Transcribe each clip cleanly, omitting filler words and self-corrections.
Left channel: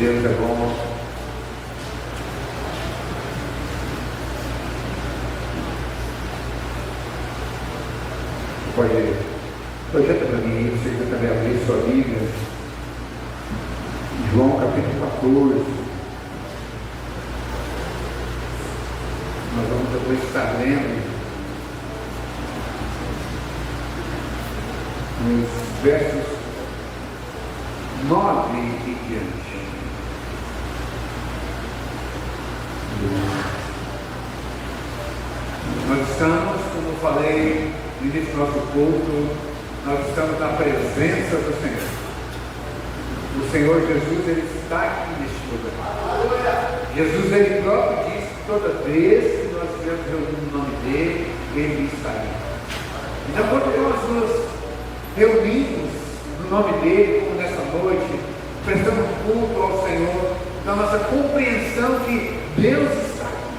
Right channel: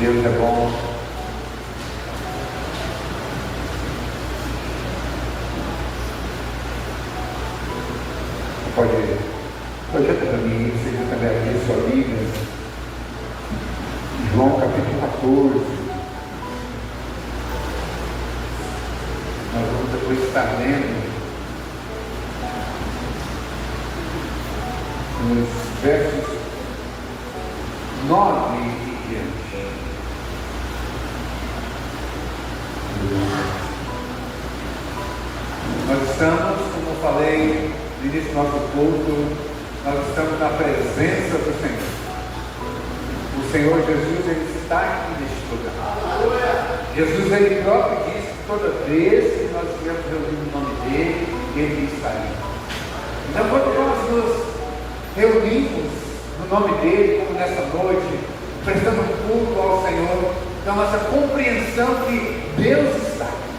Deus é bom. Pode projetar para mim, você vai pegar aqui a sua Bíblia, João capítulo 14. Nós vamos depois estar lendo nos versos 9 e diante. Nós estamos, como eu falei no início do nosso culto, nós estamos na presença do Senhor. O Senhor Jesus, Ele está aqui neste lugar. Jesus, Ele próprio disse que toda vez que nós estivermos reunindo o nome dEle, Ele está aí. Então, quando nós nos reunimos no nome dEle, como nessa noite, prestando culto ao Senhor, então nossa compreensão que Deus está aqui.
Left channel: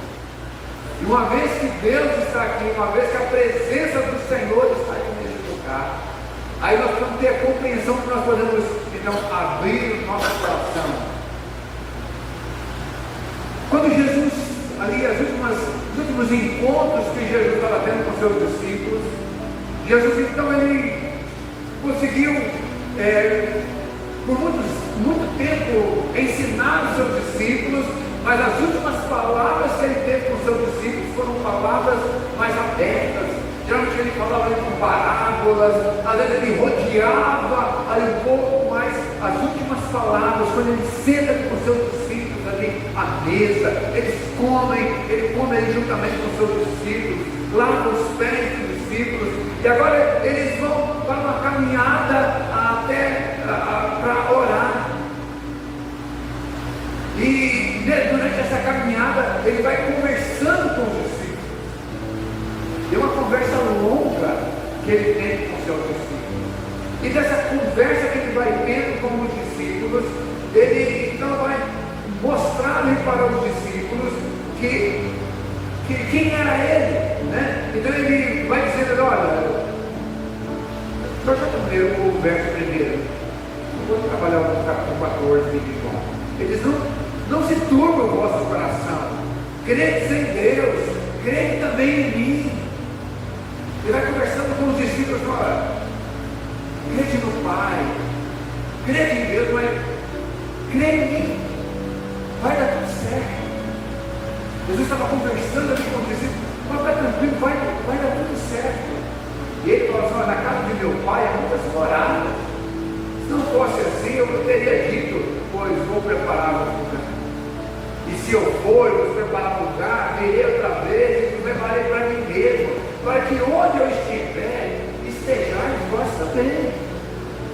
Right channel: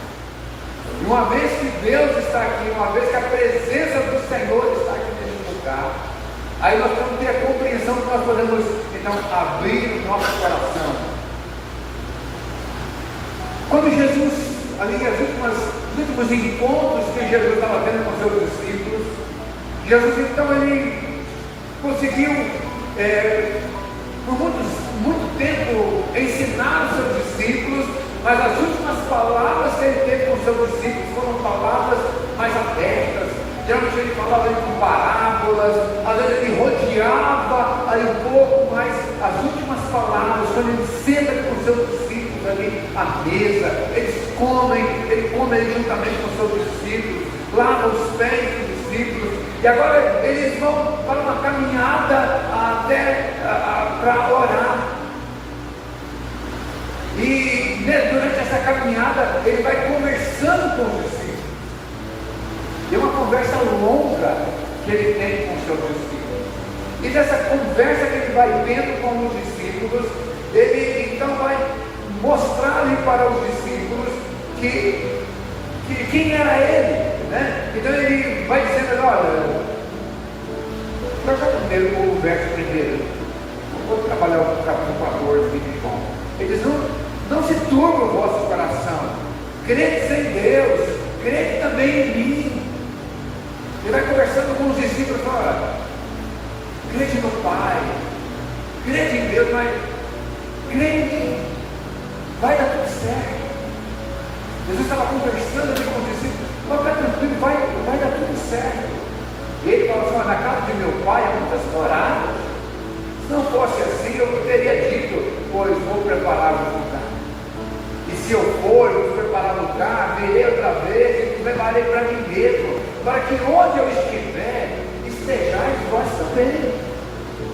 E uma vez que Deus está aqui, uma vez que a presença do Senhor está aqui neste lugar, aí nós vamos ter a compreensão que nós podemos, então, abrir o nosso coração. Quando Jesus, ali, os últimos encontros que Jesus estava tendo com seus discípulos, Jesus, então, ele conseguiu, por muito tempo, ensinar os seus discípulos, mas as últimas palavras que ele teve com os seus discípulos foram palavras mais abertas. Geralmente ele falava ali com parábolas, às vezes ele rodeava ali um pouco, mas as últimas palavras, quando ele senta com os seus discípulos ali à mesa, ele come ali juntamente com os seus discípulos, lava os pés dos discípulos, e agora eles vão para uma caminhada até para orar. E durante essa caminhada ele vai conversando com os discípulos. E é uma conversa longa que ele tem com os seus discípulos. E dessa conversa que ele vai tendo com os discípulos, ele então vai mostrar ali para os discípulos que quem era ele, né? Então ele vai dizendo, olha, projeto primeiro o verso primeiro. Vou trabalhar no capítulo 14 de João. Ele diz, não se turbe o vosso coração, crede em Deus, crede também em mim. Ele vai conversando com os discípulos, olha, crede no Pai, crede em Deus, mas crede em mim, vai dar tudo certo. Jesus estava conversando ali com os discípulos, fica tranquilo, vai dar tudo certo. E ele falou assim, na casa de meu pai há muitas moradas. Se não fosse assim, eu teria dito, pois vou preparar um lugar. E se eu for, eu vou preparar um lugar, virei outra vez e levarei para mim mesmo, para que onde eu estiver, estejais vós também.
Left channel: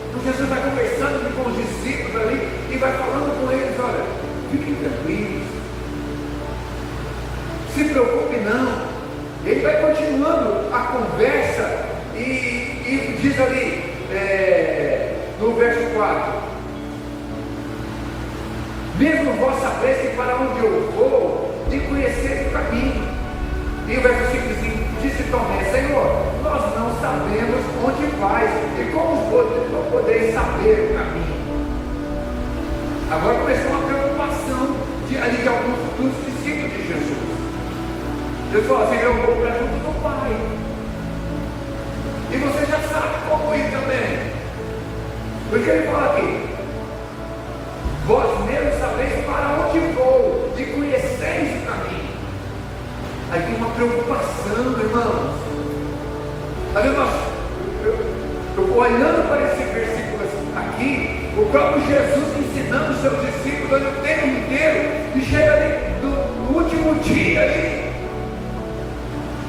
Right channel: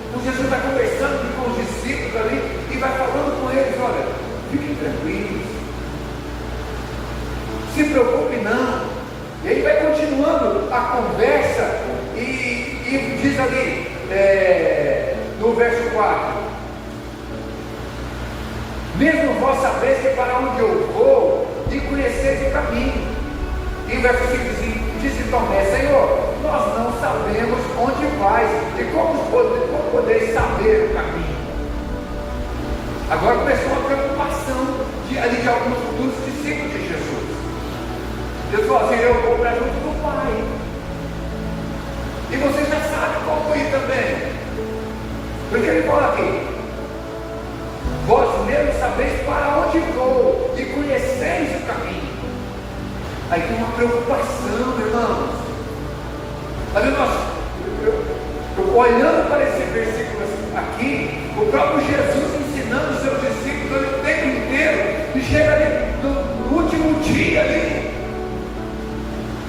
Então Jesus vai conversando com os discípulos ali e vai falando com eles, olha, fiquem tranquilos, se preocupe não. E aí vai continuando a conversa e diz ali, no verso 4, mesmo vós sabeis que para onde eu vou, e conheceis o caminho. E o verso 5 disse Tomé, Senhor, nós não sabemos onde vais, e como podeis saber o caminho? Agora começou uma preocupação de alguns dos discípulos de Jesus. Deus falou assim, eu vou para junto do Pai. E você já sabe como ir também. Porque ele fala aqui, vós mesmos sabeis para onde vou, e conheceis o caminho. Aí tem uma preocupação, irmãos. Sabe, eu olhando para esse versículo aqui, o próprio Jesus ensinando os seus discípulos o tempo inteiro, e chega ali no último dia ali.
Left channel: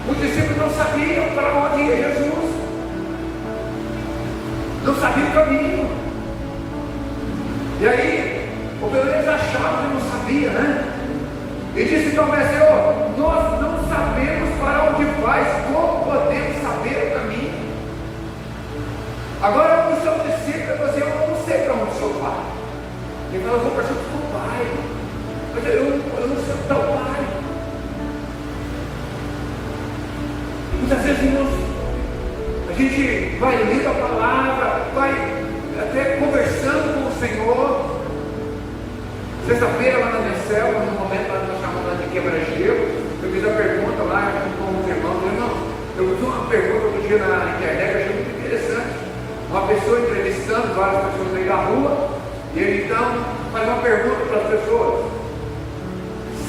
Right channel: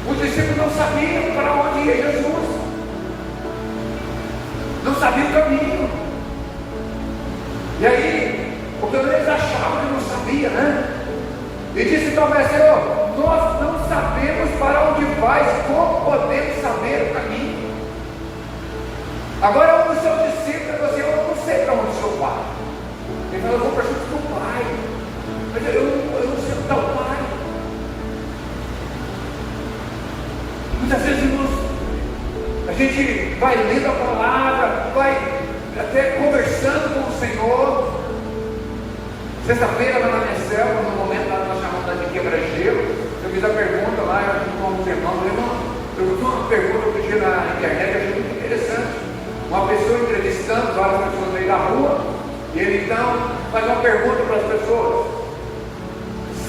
Os discípulos não sabiam para onde ia Jesus, não sabiam o caminho. E aí, o que eles achavam que não sabia, né? E disse Tomé, Senhor, nós não sabemos para onde vais, como podemos saber o caminho? Agora um dos seus discípulos falou assim, eu não sei para onde o Senhor vai. Ele falou, eu vou para junto do Pai. Mas eu não sei onde está o Pai. Muitas vezes, irmãos, a gente vai lendo a palavra, vai até conversando com o Senhor, Sexta-feira, lá na minha célula, no momento lá que nós chamamos de quebra-gelo, eu fiz a pergunta lá, com os irmãos, eu vi uma pergunta que eu na internet, achei muito interessante. Uma pessoa entrevistando várias pessoas no meio da rua, e ele então faz uma pergunta para as pessoas:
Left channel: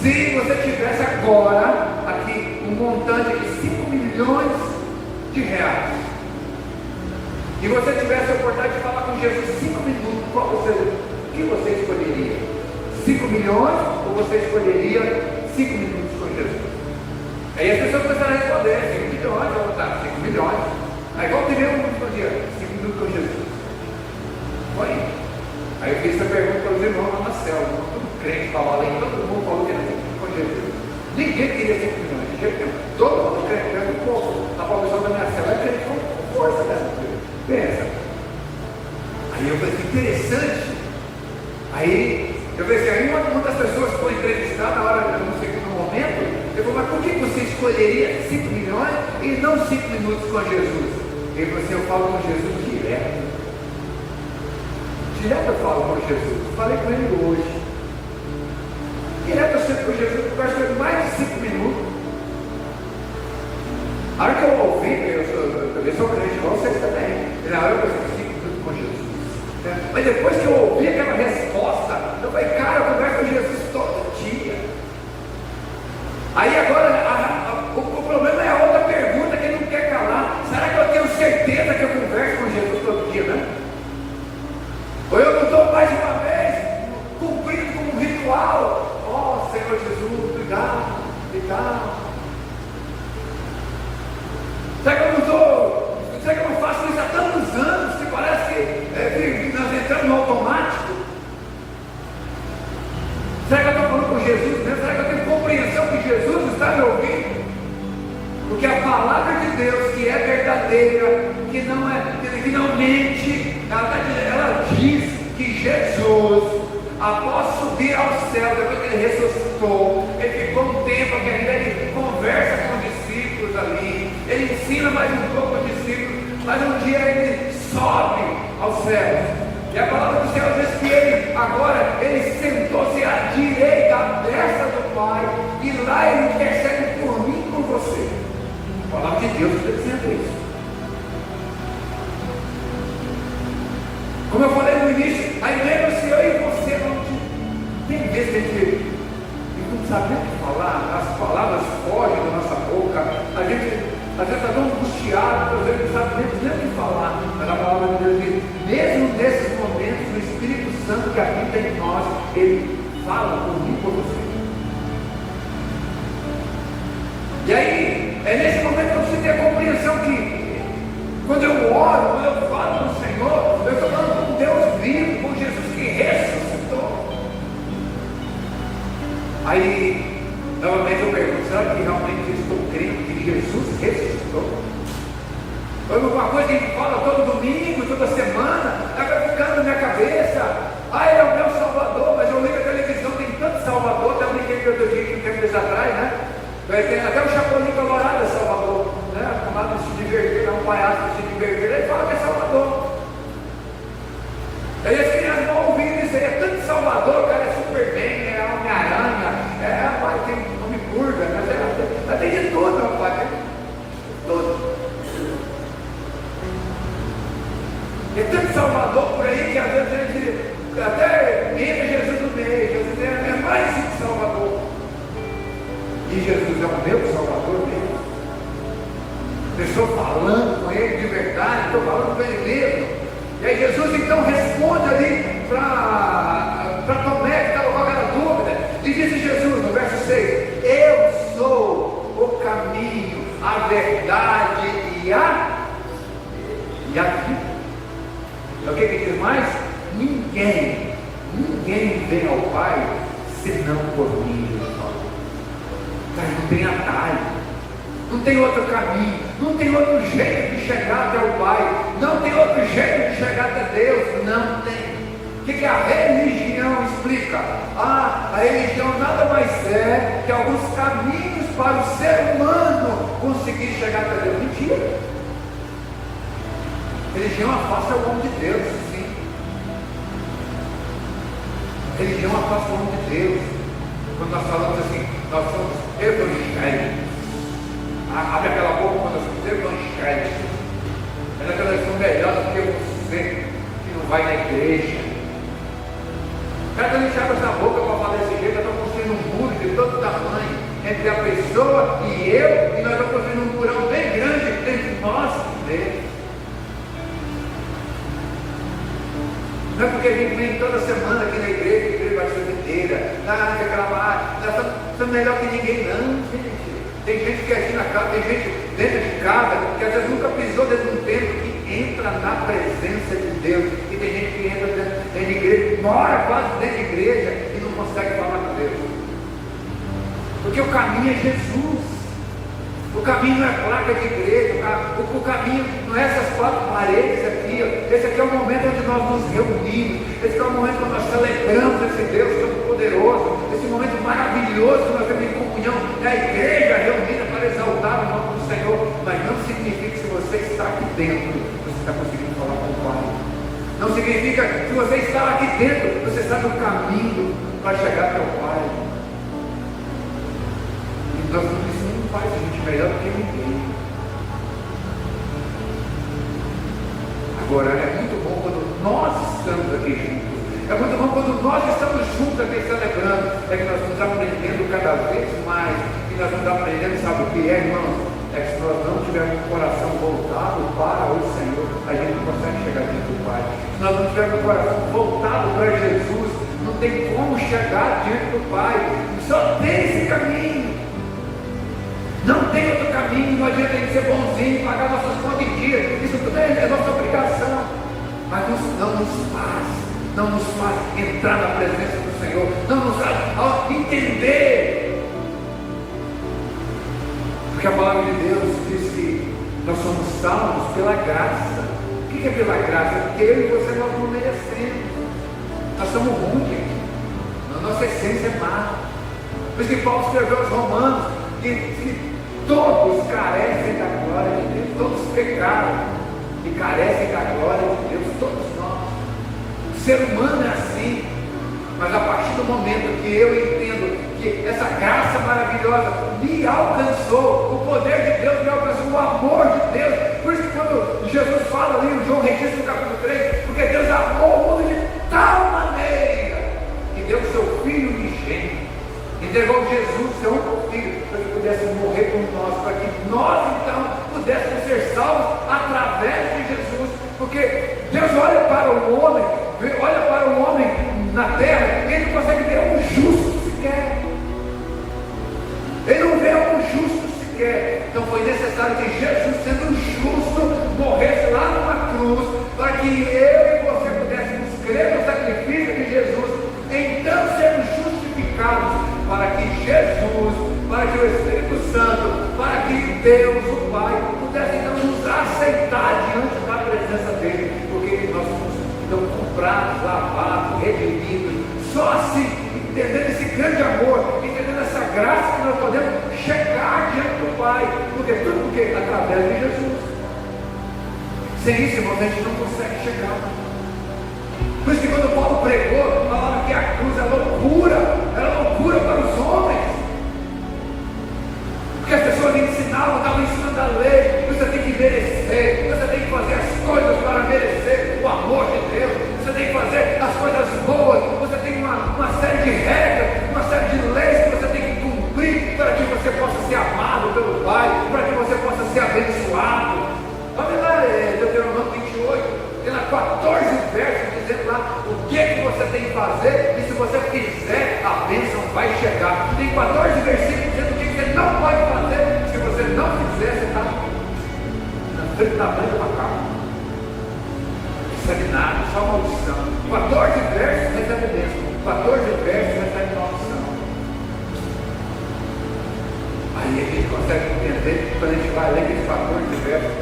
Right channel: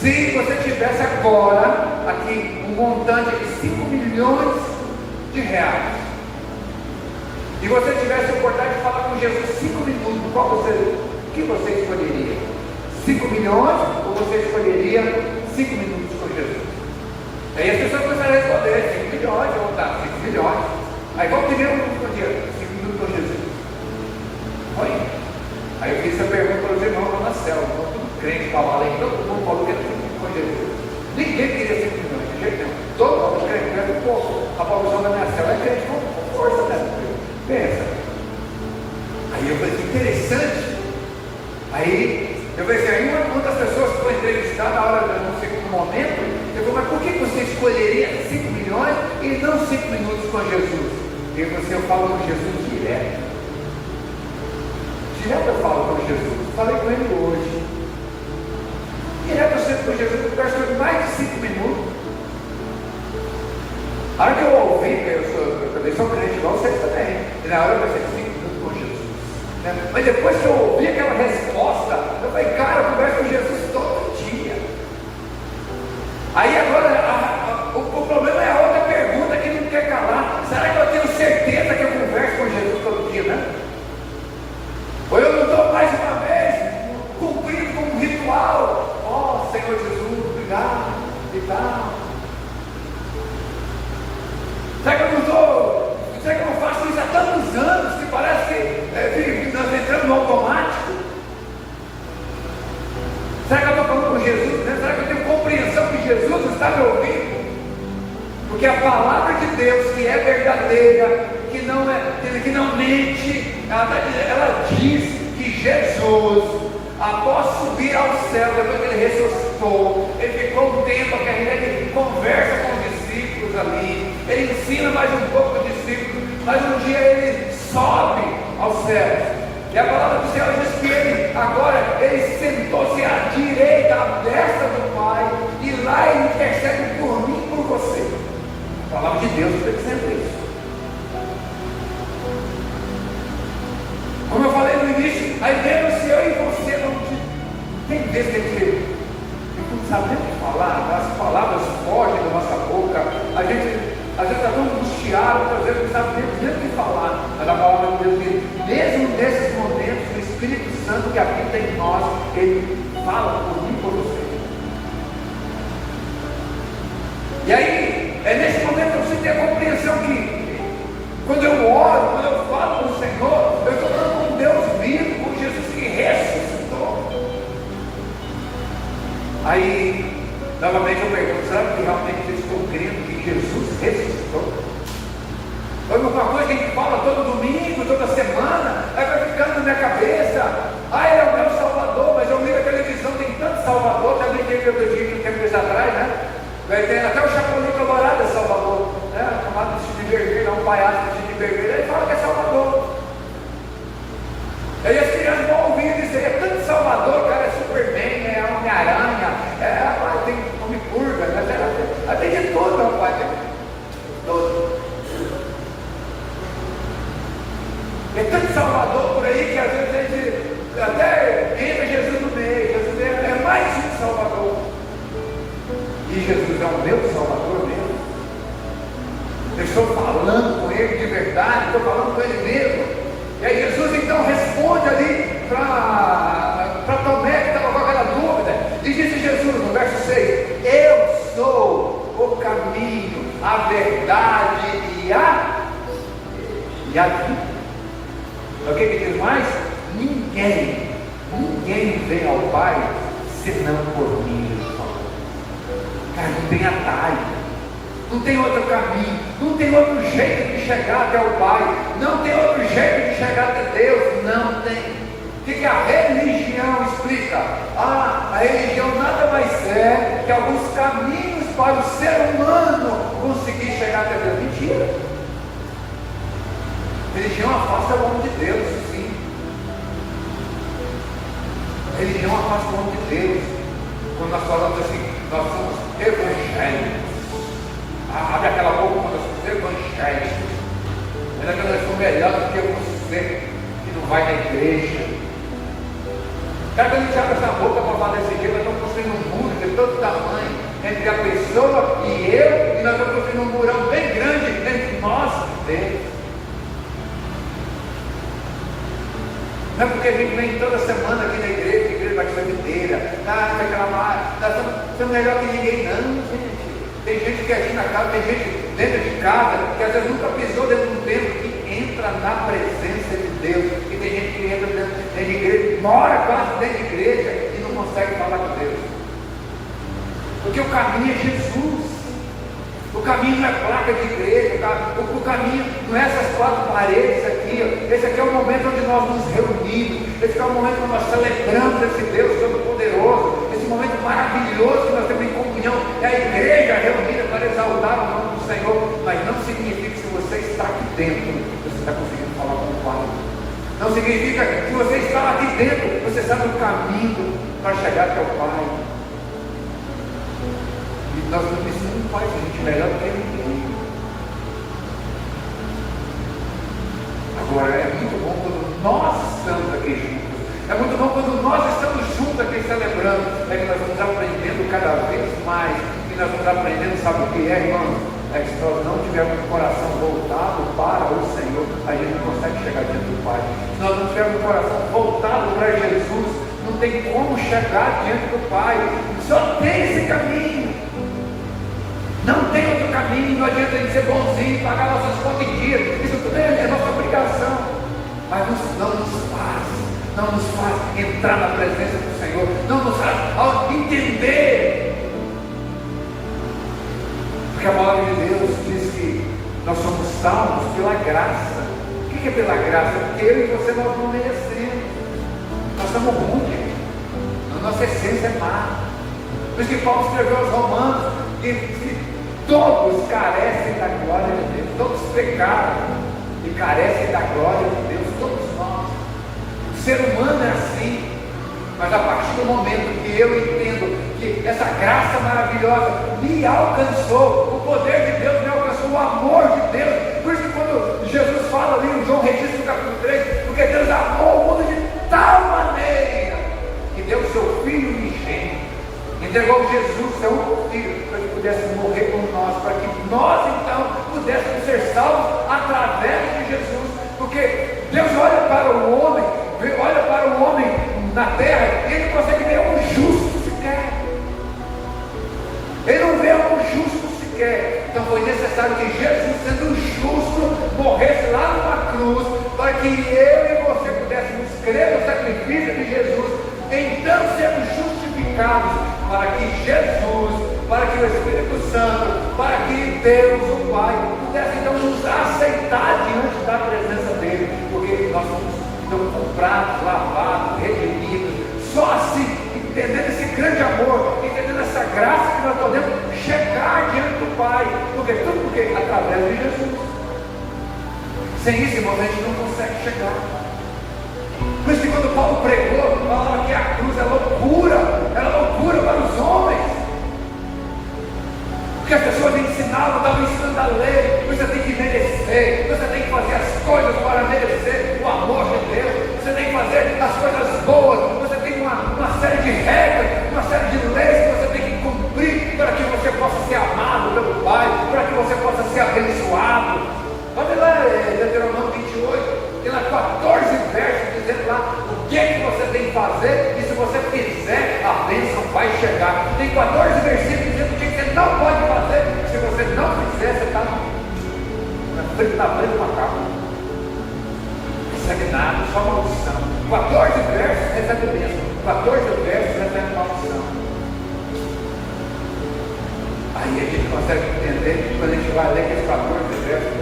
se você tivesse agora aqui um montante de 5 milhões de reais, e você tivesse a oportunidade de falar com Jesus 5 minutos, o que você escolheria? 5 milhões ou você escolheria 5 minutos com Jesus? Aí as pessoas começaram a responder: 5 milhões, ou tá, 5 milhões. Aí qual seria o minuto por dia? 5 minutos com Jesus. Foi. Aí eu fiz essa pergunta para os irmãos lá na célula, todo crente falava aí, todo mundo falou que era com Jesus. Ninguém queria 5 milhões, de jeito nenhum. Todo mundo crente, um pouco. A palavra da minha célula é crente com força, né? Pensa. Aí eu falei: que interessante. Aí eu pensei, aí uma das pessoas que foi entrevistada na hora, no segundo momento, eu falei: mas por que você escolheria 5 milhões e não 5 minutos com Jesus? E ele falou assim: eu falo com Jesus direto. Direto eu falo com Jesus. Falei com ele hoje. Direto eu sempre com Jesus, eu converso com ele mais de 5 minutos. A hora que eu ouvi, eu sou crente igual vocês também, e na hora eu pensei: 5 minutos com Jesus. Mas depois que eu ouvi aquela resposta, eu falei: cara, eu converso com Jesus todo dia. Aí agora, o problema é a outra pergunta que ele não quer calar: será que eu tenho certeza que eu converso com Jesus todo dia, né? Ou eu não estou mais uma vez cumprindo com um ritual? Ó, Senhor Jesus, cuidado, cuidado. Será que eu não estou? Será que eu não faço isso há tantos anos que parece que nós entramos no automático? Será que eu estou falando com Jesus? Será que eu tenho compreensão que Jesus está me ouvindo? Porque a palavra de Deus, que é verdadeira, que não mente, ela diz que Jesus, após subir ao céu, depois que ele ressuscitou, ele ficou um tempo que ainda ele conversa com os discípulos ali, ele ensina mais um pouco os discípulos, mas um dia ele sobe aos céus. E a palavra do Senhor diz que ele sentou-se à direita, à destra do Pai, e lá ele intercede por mim e por você. A palavra de Deus está dizendo isso. Como eu falei no início, a igreja, se eu e você não tem vezes que a gente não sabe nem o que falar, as palavras fogem da nossa boca, a gente às vezes está tão angustiado, por exemplo, não sabe nem o que falar, mas a palavra de Deus diz: mesmo nesses momentos, o Espírito Santo que habita em nós, ele fala por mim e por você. E aí, é nesse momento que você tem a compreensão que, quando eu oro, quando eu falo com o Senhor, eu estou falando com Deus vivo, com Jesus que ressuscitou. Aí, novamente eu pergunto: será que realmente eu estou crendo que Jesus ressuscitou? Ou uma coisa que a gente fala todo domingo, toda semana, vai ficando na minha cabeça: ah, ele é o meu Salvador, mas eu ligo a televisão, tem tanto Salvador, também tem que eu digo que meses atrás, né? Vai ter até o Chaco do Camarada é Salvador, né? O camarada de Vergueiro, um palhaço de Vergueiro, ele fala que é Salvador. Aí as crianças vão ouvindo isso aí: é tanto Salvador, cara, é Superman, é Homem-Aranha, tem Homem-Burga, tem de tudo, meu pai, tudo. É tanto Salvador por aí que às vezes a gente até entra Jesus no meio, é mais um Salvador. E Jesus é o meu Salvador mesmo. Eu estou falando com ele de verdade, estou falando com ele mesmo. E aí Jesus então responde ali para Tomé, que estava com aquela dúvida, e disse Jesus no verso 6: eu sou o caminho, a verdade e a vida. O que ele diz mais? Ninguém vem ao Pai senão por mim. Cara, não tem atalho, não tem outro caminho, não tem outro jeito de chegar até o Pai, não tem outro jeito de chegar até Deus, não tem. O que a religião explica? A religião nada mais é que alguns caminhos para o ser humano conseguir chegar até Deus. Mentira. Religião afasta o homem de Deus, sim. religião afasta o homem de Deus. Quando nós falamos assim, nós somos evangélicos. Abre aquela boca quando nós somos evangélicos. Mas nós somos melhor do que você que não vai na igreja. Cada vez que a gente abre essa boca para falar desse jeito, nós estamos construindo um muro de todo tamanho entre a pessoa e eu, e nós estamos construindo um murão bem grande entre nós e Deus. Não é porque a gente vem toda semana aqui na igreja vai ser inteira, reclamar, nós somos melhor que ninguém, não, gente. Tem gente que é aqui na casa, tem gente dentro de casa, que às vezes nunca pisou dentro de um templo, que entra na presença de Deus. E tem gente que entra dentro da igreja, mora quase dentro da igreja e não consegue falar com Deus. Porque o caminho é Jesus. O caminho não é placa de igreja, o caminho não é essas quatro paredes aqui. Esse aqui é o momento onde nós nos reunimos. Esse é o momento onde nós celebramos esse Deus Todo-Poderoso. Esse momento maravilhoso que nós temos em comunhão. É a igreja reunida para exaltar o nome do Senhor. Mas não significa que se você está aqui dentro, você está conseguindo falar com o Pai. Não significa que se você está aqui dentro, você sabe o caminho para chegar até o Pai. E nós não precisamos de Pai, a gente é melhor do que ninguém. Agora, é muito bom quando nós estamos aqui juntos. É muito bom quando nós estamos juntos aqui celebrando. É que nós vamos aprendendo cada vez mais. E nós vamos aprendendo, sabe o que é, irmãos? É que se nós não tivermos o coração voltado para o Senhor, a gente não consegue chegar diante do Pai. Se nós não tivermos o coração voltado para Jesus, não tem como chegar diante do Pai. Só tem esse caminho. Não tem outro caminho. Não adianta a gente ser bonzinho, pagar nossas contas em dia. Isso tudo é nossa obrigação. Mas não nos faz entrar na presença do Senhor. Não nos faz entender. Porque a palavra de Deus diz que nós somos salvos pela graça. O que é pela graça? Porque eu e você nós não merecemos. Nós somos ruins. A nossa essência é má. Por isso que Paulo escreveu aos Romanos que todos carecem da glória de Deus. Todos pecaram e carecem da glória de Deus. Todos nós. O ser humano é assim. Mas a partir do momento que eu entendo que essa graça maravilhosa me alcançou, o poder de Deus me alcançou, o amor de Deus. Por isso quando Jesus fala ali em João registra no capítulo 3, porque Deus amou o mundo de tal maneira que deu o seu Filho unigênito, entregou Jesus, seu único Filho, para que pudesse morrer por nós, para que nós então pudéssemos ser salvos através de Jesus. Porque Deus olha para o homem na terra, ele não consegue ver um justo sequer. Ele não vê um justo sequer. Então foi necessário que Jesus, sendo justo, morresse lá numa cruz, para que eu e você pudéssemos crer no sacrifício de Jesus, então sermos justificados, para que Jesus, para que o Espírito Santo, para que Deus, o Pai, pudesse então nos aceitar diante da presença dele, porque nós somos comprados, lavados, redimidos. Só assim, entendendo esse grande amor, entendendo essa graça, que nós podemos chegar diante do Pai. Porque tudo porque através de Jesus. Sem isso, irmão, a gente não consegue chegar. Por isso que quando Paulo pregou, falava que a cruz é loucura para os homens. Porque as pessoas lhe ensinavam, estavam ensinando a lei, você tem que merecer, você tem que fazer as coisas para merecer o amor de Deus, você tem que fazer as coisas boas, você tem uma série de regras, uma série de leis que você tem que cumprir para que você possa ser amado pelo Pai, para que você possa ser abençoado. Olha lá, Deuteronômio 28, tem lá 14 versos dizendo lá o que você tem que fazer, e se você fizer, a bênção vai chegar. Tem 14 versículos dizendo o que você não pode fazer, se você não fizer, você está na frente da macaco. Recebe nada, só maldição. 14 versos recebe bênção, 14 versos recebe maldição. Aí a gente consegue entender que quando a gente vai ler esses 14 versos,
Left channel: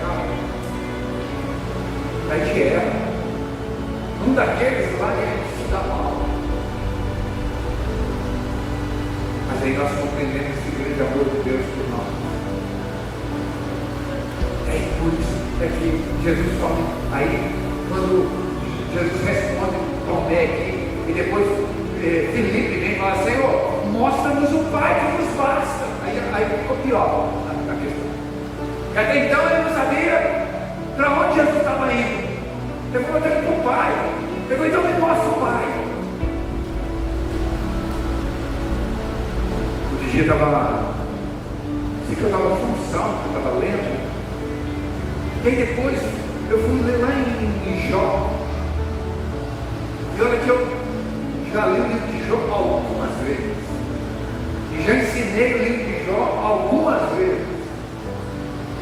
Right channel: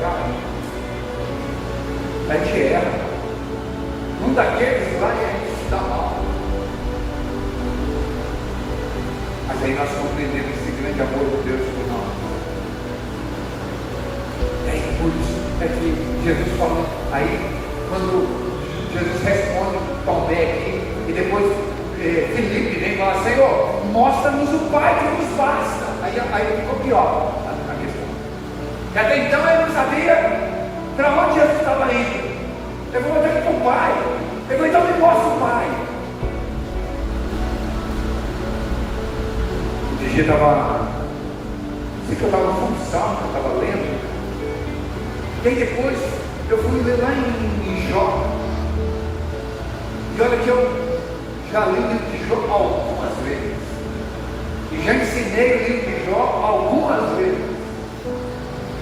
a gente erra. Um daqueles lá que a gente está mal. Mas aí nós compreendemos esse grande amor de Deus por nós. É por isso que Jesus fala. Aí, quando Jesus responde Tomé aqui, e depois Filipe vem falar: Senhor, mostra-nos o Pai que nos basta. Aí ficou pior a questão. E até então ele não sabia para onde Jesus estava indo. Ele falou: eu com o Pai. Ele falou: então me mostra o Pai. Outro dia eu estava, sei que eu estava com salmo, que eu estava lendo. E aí depois eu fui ler lá em Jó. E olha que eu já li o livro de Jó algumas vezes. E já ensinei o livro de Jó algumas vezes.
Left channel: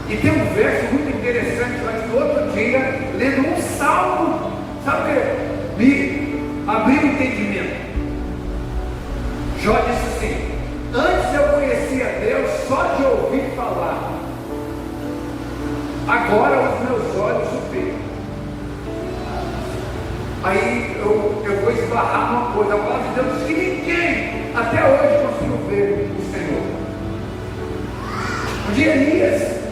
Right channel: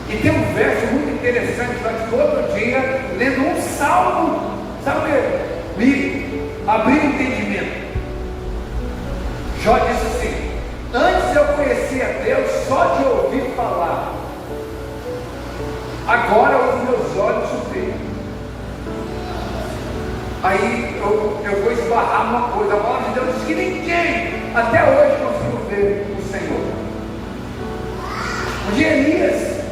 E tem um verso muito interessante, mas todo dia, lendo um salmo, sabe o que? Me abriu o entendimento. Jó disse assim: antes eu conhecia Deus só de ouvir falar, agora os meus olhos o veem. Aí eu vou esbarrar numa coisa. A palavra de Deus diz que ninguém até hoje conseguiu ver o Senhor. Um dia Elias,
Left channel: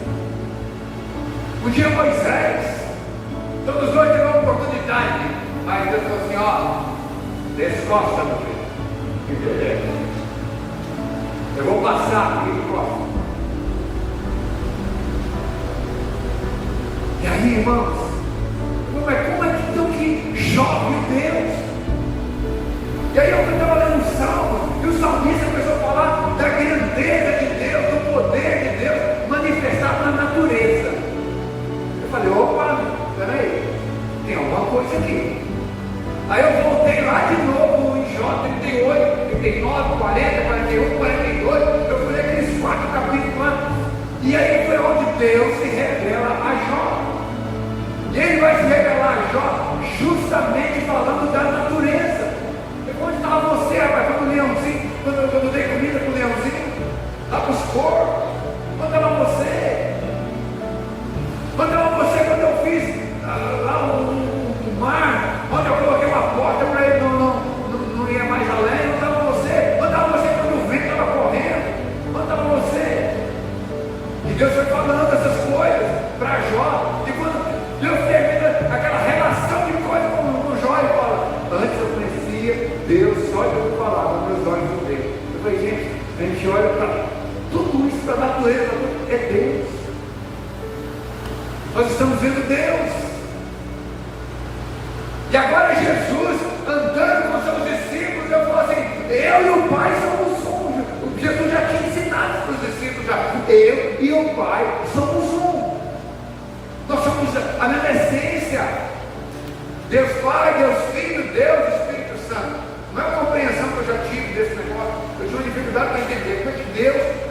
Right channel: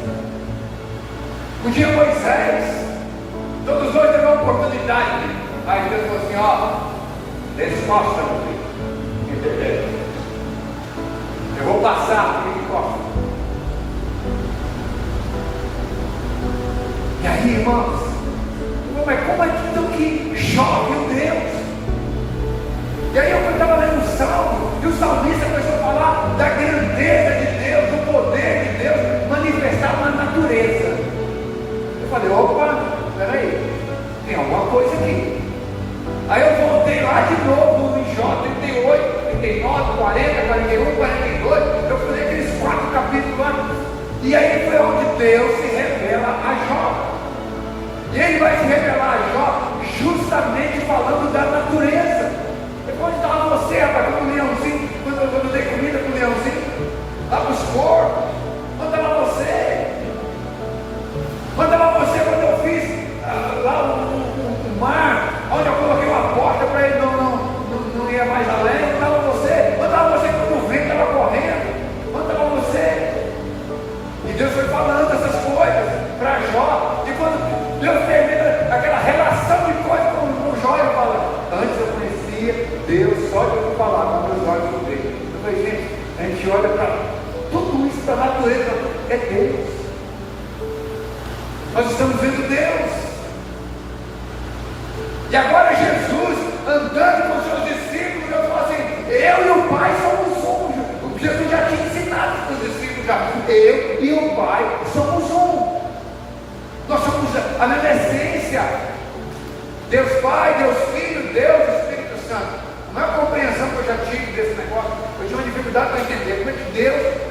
um dia Moisés, todos os dois tiveram uma oportunidade. Aí Deus falou assim: ó, descosta, meu filho. Eu vou passar aqui, ó. E aí, irmãos, mas como é que então que Jó viu Deus? E aí eu estava lendo um salmo, e o salmista começou a falar da grandeza de Deus, do poder de Deus manifestado na natureza. Eu falei: opa, peraí, tem alguma coisa aqui. Aí eu voltei lá de novo em Jó 38, 39, 40, 41, 42. Eu fui ler aqueles 4 capítulos lá. E aí foi onde Deus se revela a Jó. E ele vai se revelar a Jó justamente falando da natureza. Depois estava você, rapaz, com o leãozinho, quando eu dei comida com o leãozinho, lá para os corpos. Mandava você quando eu fiz lá no mar, onde eu coloquei uma porta para ele não ia mais além. Mandava você quando o vento estava correndo. Mandava você. E Deus foi falando essas coisas para Jó. E quando Deus termina aquela relação de coisa com o Jó, ele fala: antes eu conhecia Deus só de eu falar, com meus olhos eu vejo. Eu falei: gente, a gente olha para tudo isso, para a natureza, é Deus. Nós estamos vendo Deus. E agora Jesus andando com seus discípulos, eu falo assim: eu e o Pai somos um. Jesus já tinha ensinado para os discípulos já. Eu e o Pai somos um. Nós somos a mesma essência. Deus Pai, Deus Filho, Deus Espírito Santo. Não é a compreensão que eu já tive desse negócio. Eu tinha uma dificuldade para entender. Como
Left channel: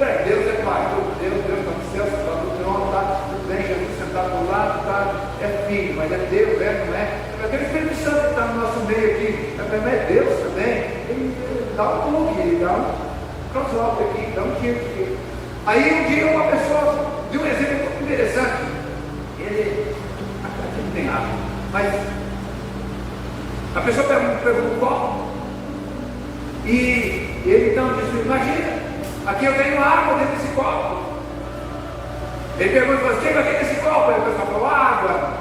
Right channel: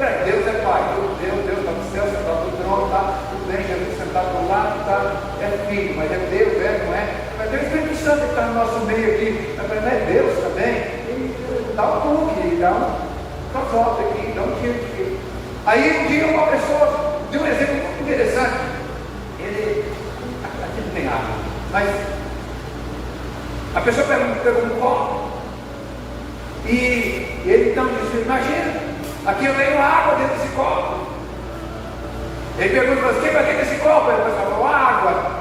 é que Deus é Pai? Deus está no céu, está no trono, está tudo bem, Jesus sentado do lado, é Filho, mas é Deus, não é? Mas tem o Espírito Santo que está no nosso meio aqui. Mas não é Deus também? Ele dá um pulo aqui, dá um capote aqui, dá um tiro aqui. Aí um dia uma pessoa deu um exemplo muito interessante. Ele não tem água, mas a pessoa pegou um copo e ele então disse: imagina, aqui eu tenho água dentro desse copo. Ele perguntou: quem vai ter esse copo? Aí o pessoal falou: água.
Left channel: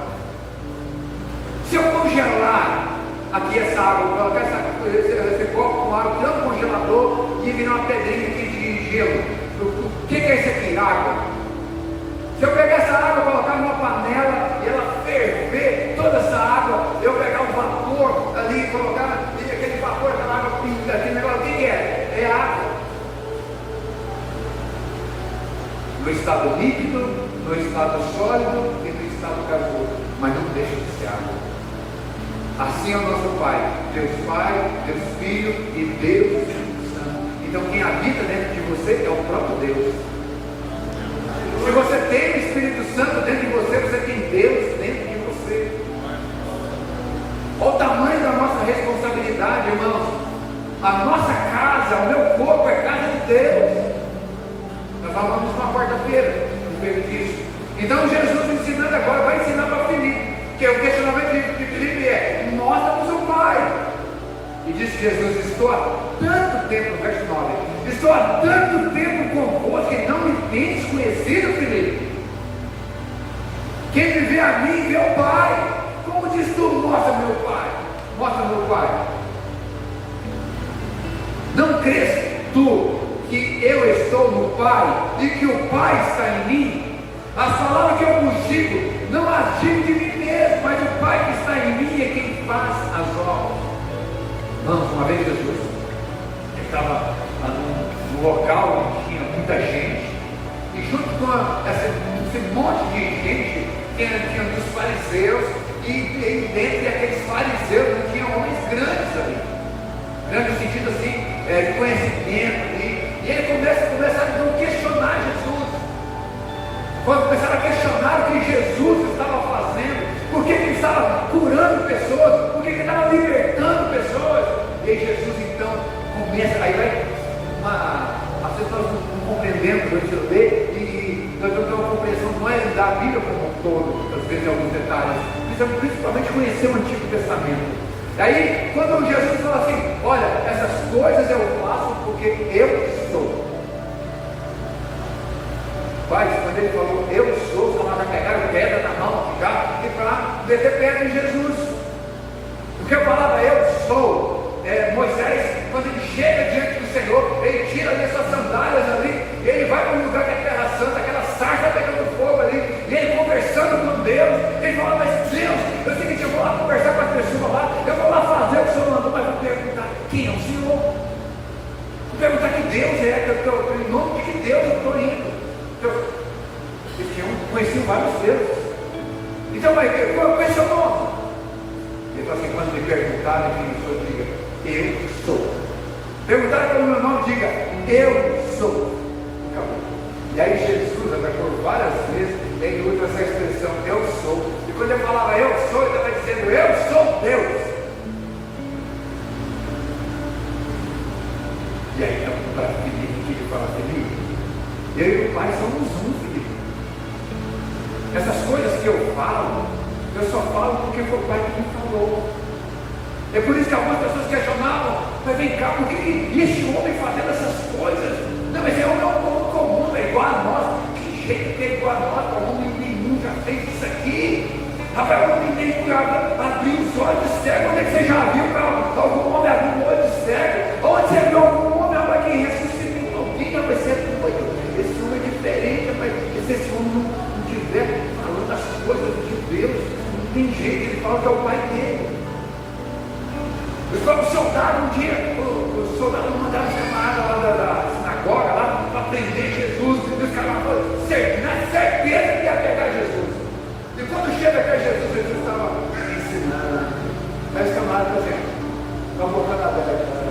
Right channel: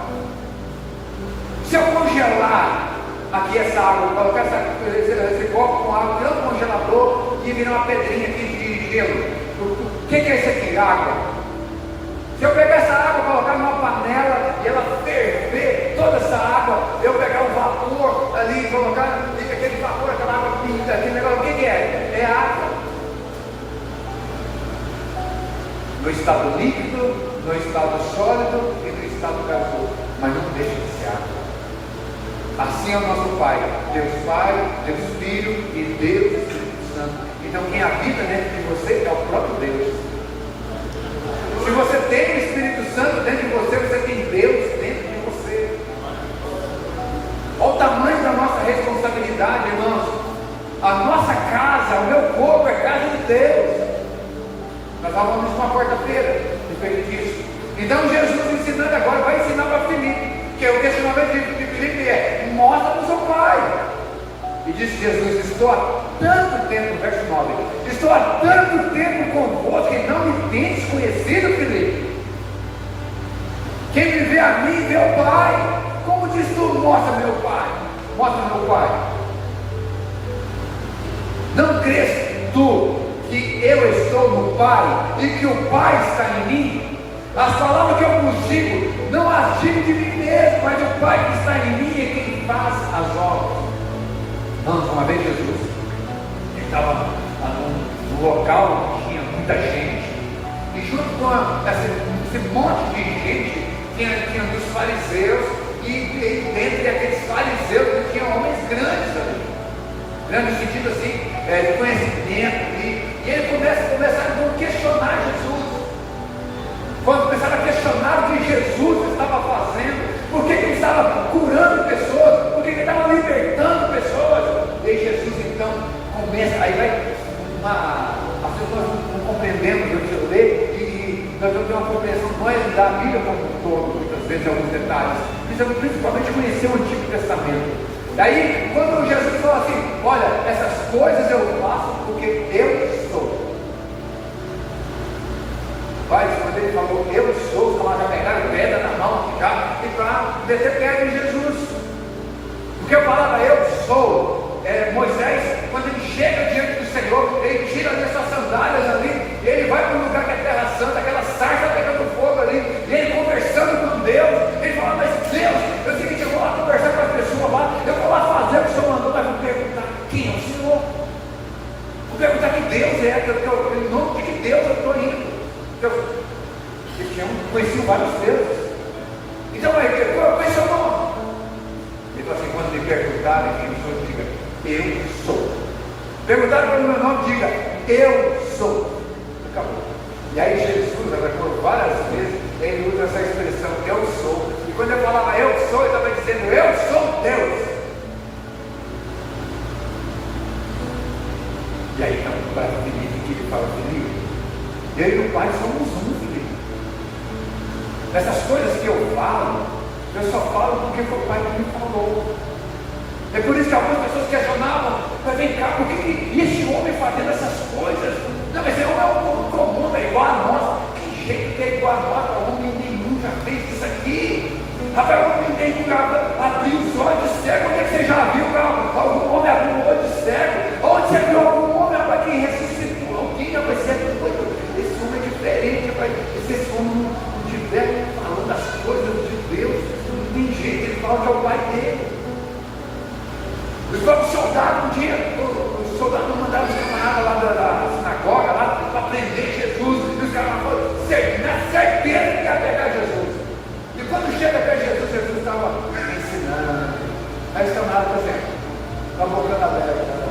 Se eu congelar aqui essa água, colocar esse copo com água no congelador e virar uma pedrinha aqui de gelo, o que é isso aqui? Água. Se eu pegar essa água, colocar numa panela e ela ferver toda essa água, eu pegar um vapor ali e colocar aquele vapor, aquela água pinta, aquele negócio, o que é? É água. No estado líquido, no estado sólido e no estado gasoso, mas não deixa de ser água. Assim é o nosso Pai, Deus Filho e Deus Espírito Santo. Então quem habita dentro de você é o próprio Deus. Se você tem o Espírito Santo dentro de você, você tem Deus dentro de você. Olha o tamanho da nossa responsabilidade, irmãos. A nossa casa, o meu corpo é casa de Deus. Nós falamos isso na quarta-feira, disso. Então Jesus ensinando agora, vai ensinar para Filipe, que é o questionamento de Filipe é: mostra-nos o Pai. E diz Jesus: estou há tanto tempo, verso 9, estou há tanto tempo convosco e não me tens conhecido, Filipe. Quem me vê a mim, vê o Pai. Como diz tu: mostra meu Pai, mostra meu Pai. Pai e que o Pai está em mim, as palavras que eu vos digo, não as digo de mim mesmo, mas o Pai que está em mim é quem faz as obras. Irmãos, uma vez Jesus estava num local onde tinha muita gente, e junto com esse monte de gente tinha dos fariseus, e dentre aqueles fariseus tinha homens grandes ali, no sentido assim, de conhecimento ali, e ele começaram a questionar Jesus. Quando começaram a questionar o que Jesus estava fazendo, por que ele estava curando pessoas, por que ele estava libertando pessoas, e Jesus então começa, aí as pessoas não compreendendo o que eu dei, e nós vamos ter uma compreensão não é da Bíblia como um todo, às vezes alguns detalhes, precisamos principalmente conhecer o Antigo Testamento. Daí, quando Jesus fala assim, olha, essas coisas eu faço porque eu sou. Pai, quando ele falou, eu sou, estava já pegaram pedra na mão, já, e para meter pedra em Jesus. Porque a palavra eu sou, Moisés, quando ele chega diante do Senhor, ele tira das suas sandálias ali, e ele vai para um lugar que é terra santa, aquela sarça pegando fogo ali, e ele conversando com Deus, ele fala, mas Deus, eu sei que eu vou lá conversar com as pessoas lá, eu vou lá fazer o que o Senhor mandou, mas vou perguntar quem é o Senhor? Vou perguntar que Deus em nome de que Deus eu estou indo. Porque eu conheci vários deuses. Então, qual é o seu nome? Ele falou assim, quando me perguntarem quem sou, diga, eu sou. Perguntarem pelo meu nome, diga, eu sou. Acabou. E aí Jesus, por várias vezes, ele usa essa expressão, eu sou. E quando ele falava eu sou, ele estava dizendo, eu sou Deus. E aí, para Filipe, ele fala, Filipe, eu e o Pai somos um, Filipe. Essas coisas que eu falo, eu só falo porque o Pai me falou. É por isso que algumas pessoas questionavam, mas vem cá, por que esse homem fazendo essas coisas? Não, esse homem é um homem comum, é igual a nós. Que jeito que é igual a nós? O homem nenhum já fez isso aqui. Agora o homem nenhum abriu os olhos cegos. Onde você já viu algum homem abrir um olho cego? Onde você viu algum homem que ressuscitou alguém? Esse homem é diferente, se esse homem não estiver falando as coisas de Deus, não tem jeito, ele fala que é o Pai dele. Os próprios soldados, um dia, os soldados mandaram os camaradas lá da sinagoga, lá para prender Jesus, e os caras falaram, na certeza que ia pegar Jesus. E quando chega até Jesus, Jesus estava ensinando. Aí os camaradas assim, com a boca aberta.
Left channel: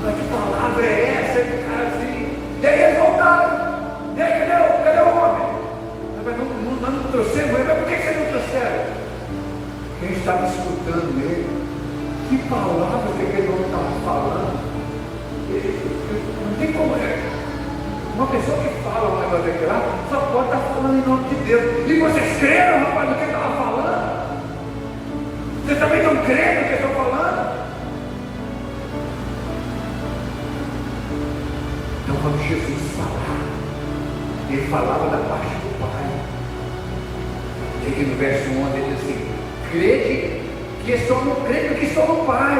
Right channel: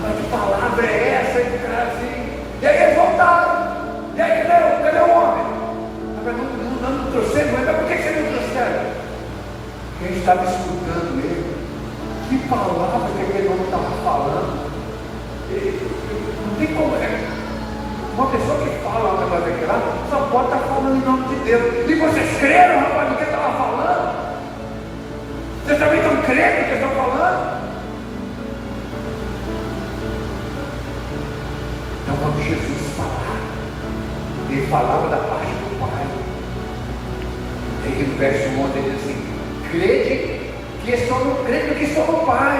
Mas que palavra é essa? E o cara assim, e aí eles voltaram. E aí, cadê o homem? Não trouxeram, mas por que você não trouxeram? Quem estava escutando ele, que palavra que aquele homem estava falando? Não tem como, né? Uma pessoa que fala um negócio daquele lá, só pode estar falando em nome de Deus. E vocês creram, rapaz, no que ele estava falando? Vocês também não creem no que estão falando? Então, quando Jesus falava, ele falava da parte do Pai. Tem no verso 1 ele diz assim, crede que estou no Pai,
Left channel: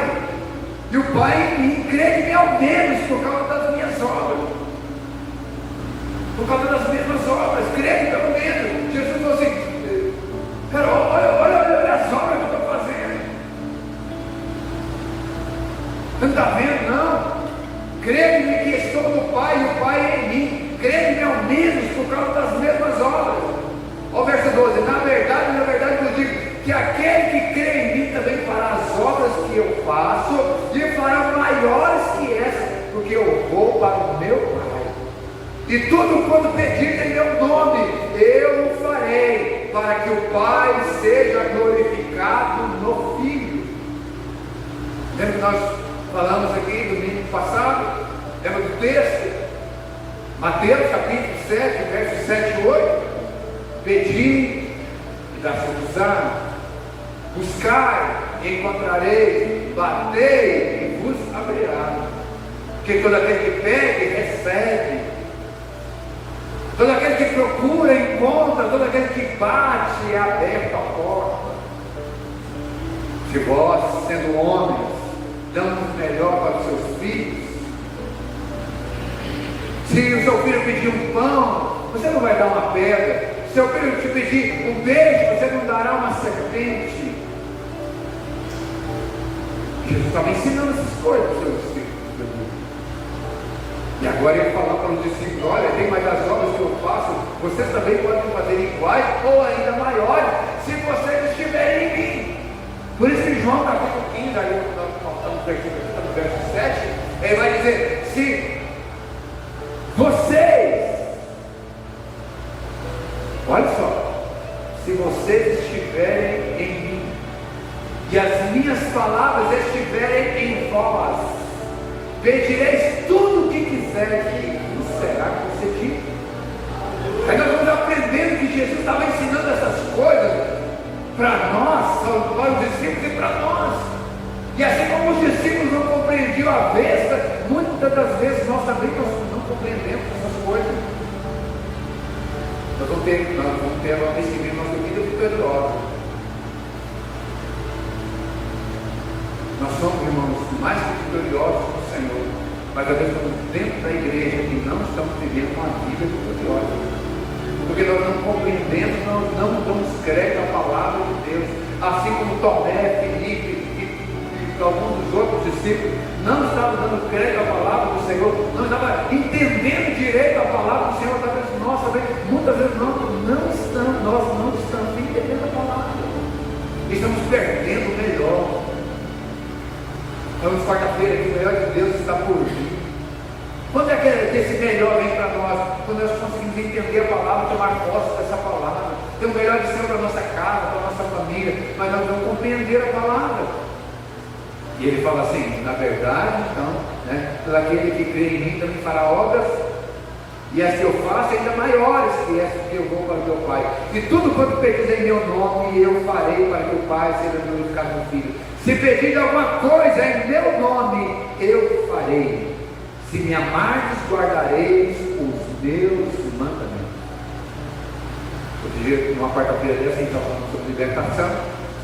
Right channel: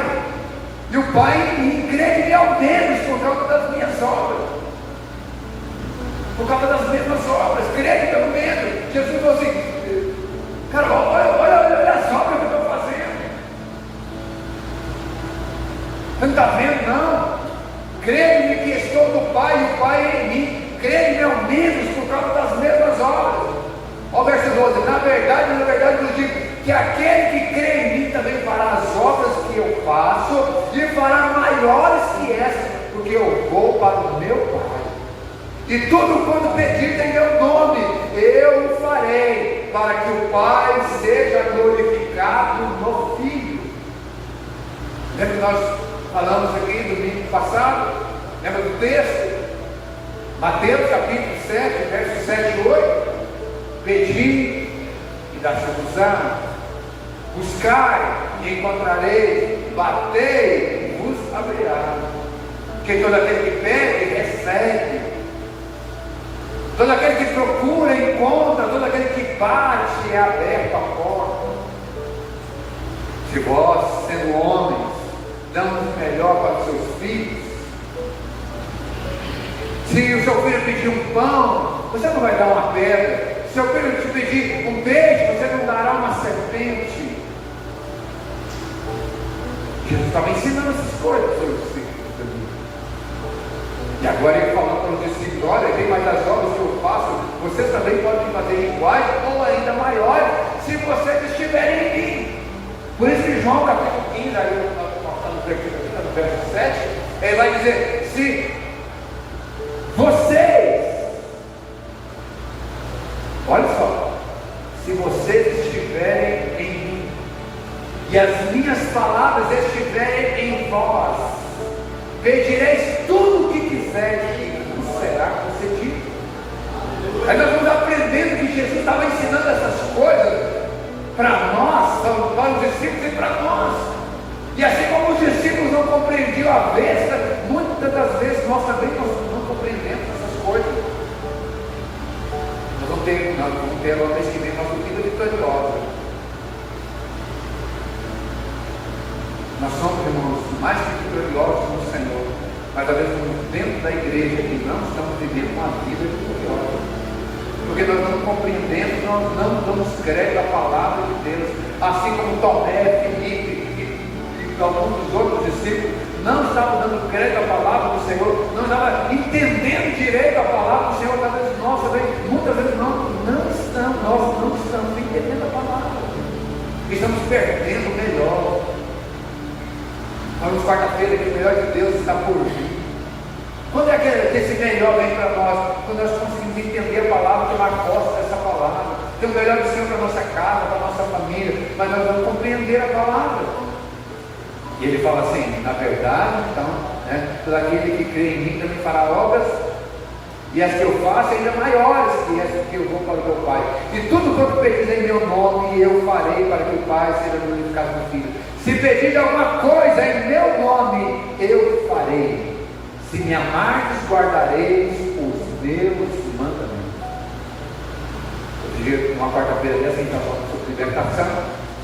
e o Pai em mim, crede que é o deles por causa das minhas obras, por causa das mesmas obras, crede pelo menos. Jesus falou assim, cara, olha as obras que eu estou fazendo, não está vendo não? Crede que estou no Pai e o Pai é em mim, crede ao menos por causa das mesmas obras. Olha o verso 12, na verdade eu digo, que aquele que crê em mim também fará as obras que eu faço, e fará maiores que essas, porque eu vou para o meu Pai. E tudo quanto pedir em meu nome, eu o farei, para que o Pai seja glorificado no Filho. Lembra que nós falamos aqui domingo passado? Lembra do texto? Mateus capítulo 7, versos 7 e 8. Pedi e dar-se-vos-á, buscai e encontrarei, batei e vos abrirá. Porque todo aquele que pede, recebe. Todo aquele que procura, encontra. Todo aquele que bate, é aberta a porta. Se vós, sendo homens, damos o melhor para os seus filhos, Se o seu filho pedir um pão, você não vai dar uma pedra. Se o seu filho te pedir um peixe, você não dará uma serpente. Jesus estava ensinando essas coisas para os seus discípulos. E agora ele fala para os discípulos: olha, tem mais as obras que eu faço, vocês também podem fazer iguais ou ainda maiores, se vocês estiverem em mim. Por isso que João, capítulo 15, ali no verso 7, ele vai dizer: se vocês, olha só, se vocês estiverem em mim, e as minhas palavras estiverem em vós, pedireis tudo o que quiseres e vos será concedido. Aí nós vamos aprendendo que Jesus estava ensinando essas coisas para nós, para os discípulos e para nós. E assim como os discípulos não compreendiam a vez, muitas das vezes nós também não compreendemos essas coisas. Nós vamos ter uma vez que vem nossa vida vitoriosa. Nós somos, irmãos, mais que vitoriosos no Senhor, mas às vezes estamos dentro da igreja e não estamos vivendo uma vida vitoriosa. Porque nós não compreendemos, nós não damos crédito à palavra de Deus. Assim como Tomé, Felipe e alguns dos outros discípulos não estavam dando crédito à palavra do Senhor, não estavam entendendo direito a palavra do Senhor. Talvez nós também, muitas vezes nós não estamos entendendo a palavra. E estamos perdendo o melhor. Vamos quarta-feira que o melhor de Deus está por vir. Quando é que esse melhor vem para nós? Quando nós conseguimos entender a palavra, tomar posse dessa palavra. Tem o melhor do Senhor para a nossa casa, para a nossa família, mas nós vamos compreender a palavra. E ele fala assim: na verdade, então, todo aquele que crê em mim também fará obras, e as que eu faço ainda maiores que essas que eu vou para o meu Pai. E tudo quanto pedis em meu nome, eu farei para que o Pai seja glorificado no Filho. Se pedir alguma coisa em meu nome, eu farei. Se me amardes, guardareis os meus mandamentos. Outro dia, numa quarta-feira dessa, a gente estava falando sobre libertação,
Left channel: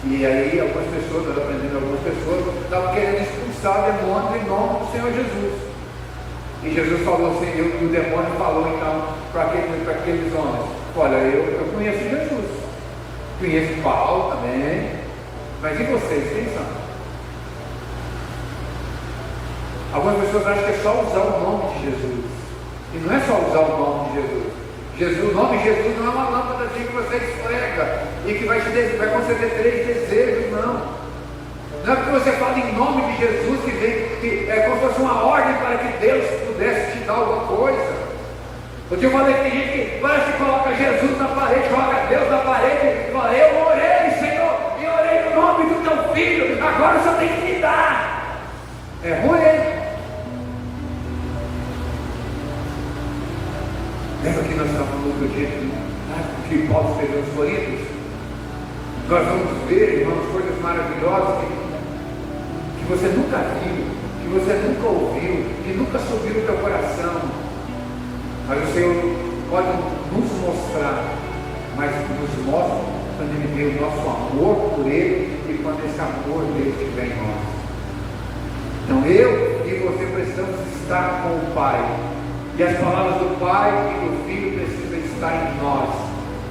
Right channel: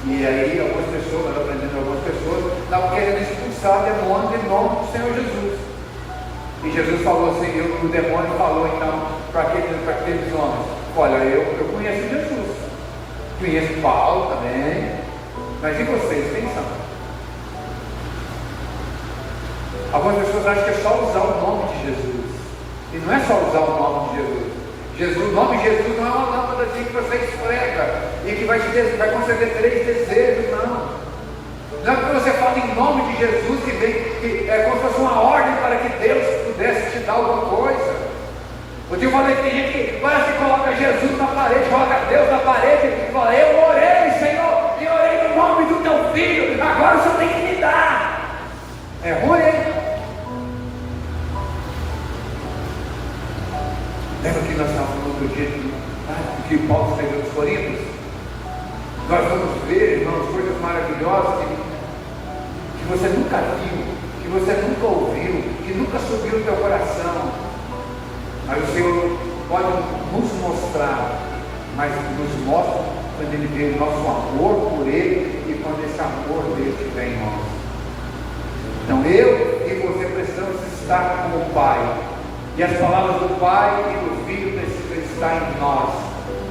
e aí algumas pessoas, nós aprendendo algumas pessoas, estavam querendo expulsar o demônio em nome do Senhor Jesus. E Jesus falou assim, o demônio falou então para aqueles homens: olha, eu conheço Jesus, conheço Paulo também, mas e vocês, quem são? Algumas pessoas acham que é só usar o nome de Jesus. E não é só usar o nome de Jesus. O nome de Jesus não é uma lâmpada que você esfrega e que vai conceder 3 desejos, não. Não é porque você fala em nome de Jesus e vem que é como se fosse uma ordem para que Deus pudesse te dar alguma coisa. Porque eu falei, tem gente que parece que coloca Jesus na parede, coloca Deus na parede e fala: eu orei, Senhor, e orei no nome do teu filho, agora o Senhor tem que me dar. É ruim, hein? Lembra que nós estávamos falando do dia que Paulo escreveu aos Coríntios? Nós vamos ver, irmãos, coisas maravilhosas que você nunca viu, que você nunca ouviu, que nunca subiu no teu coração. Mas o Senhor pode nos mostrar, mas nos mostra quando Ele vê o nosso amor por Ele e quando esse amor dele estiver em nós. Então eu e você precisamos estar com o Pai. E as palavras do Pai e do Filho precisam estar em nós,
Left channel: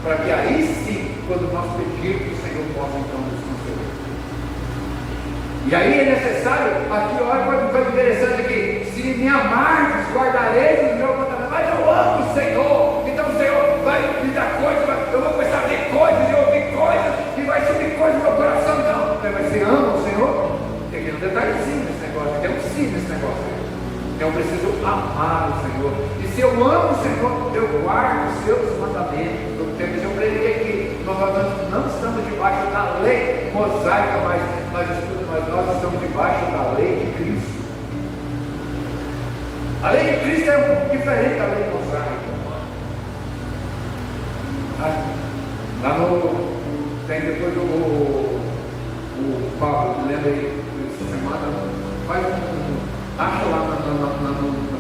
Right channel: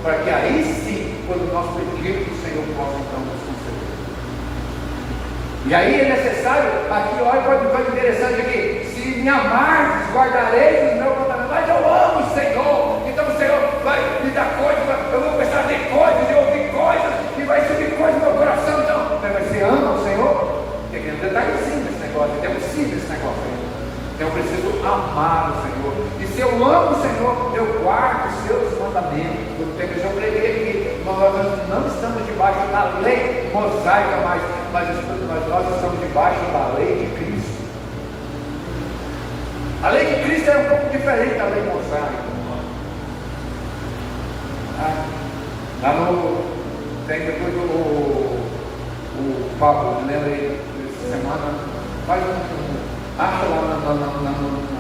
para que aí sim, quando nós pedirmos, o Senhor possa então nos conceder. E aí é necessário, aqui olha coisa interessante aqui: se me amardes, guardareis o meu mandamento. Mas eu amo o Senhor, então o Senhor vai me dar coisas, eu vou começar a ler coisas e ouvir coisas, e vai subir coisas no meu coração. Então, você ama o Senhor? Tem um detalhezinho nesse negócio, tem um sim nesse negócio. Então eu preciso amar o Senhor. E se eu amo o Senhor, eu guardo os seus mandamentos. Eu preguei aqui, nós não estamos debaixo da lei mosaica, mas nós estamos debaixo da lei de Cristo. A lei de Cristo é um pouco diferente da lei mosaica. Lá no. Tem depois o Pablo, me lembra aí, essa semana, faz acha lá no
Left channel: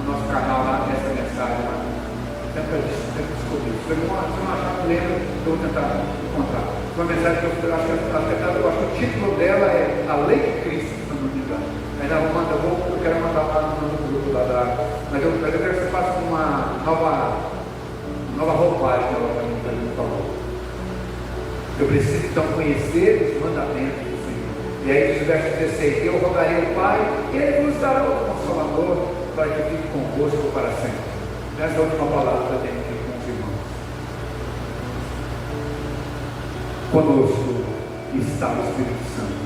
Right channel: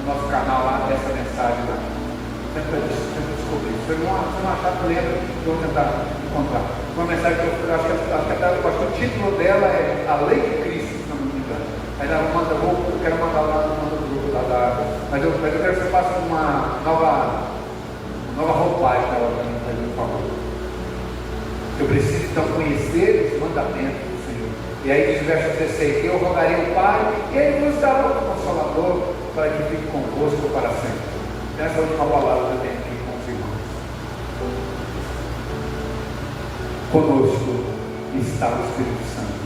nosso canal lá essa mensagem lá. Descobri. Foi uma chave mesmo que eu vou tentar encontrar. Uma mensagem que eu acho que o título dela é A Lei de Cristo, se não me engano. Mas ela manda, eu quero mandar lá no grupo lá da. Mas eu quero que você faça uma Então, conhecer os mandamentos do Senhor. E aí diz verso 16: eu rogarei ao Pai, e Ele nos dará o Consolador, para que fique convosco para sempre. Nessa última palavra também aqui com os irmãos. Conosco está o Espírito Santo.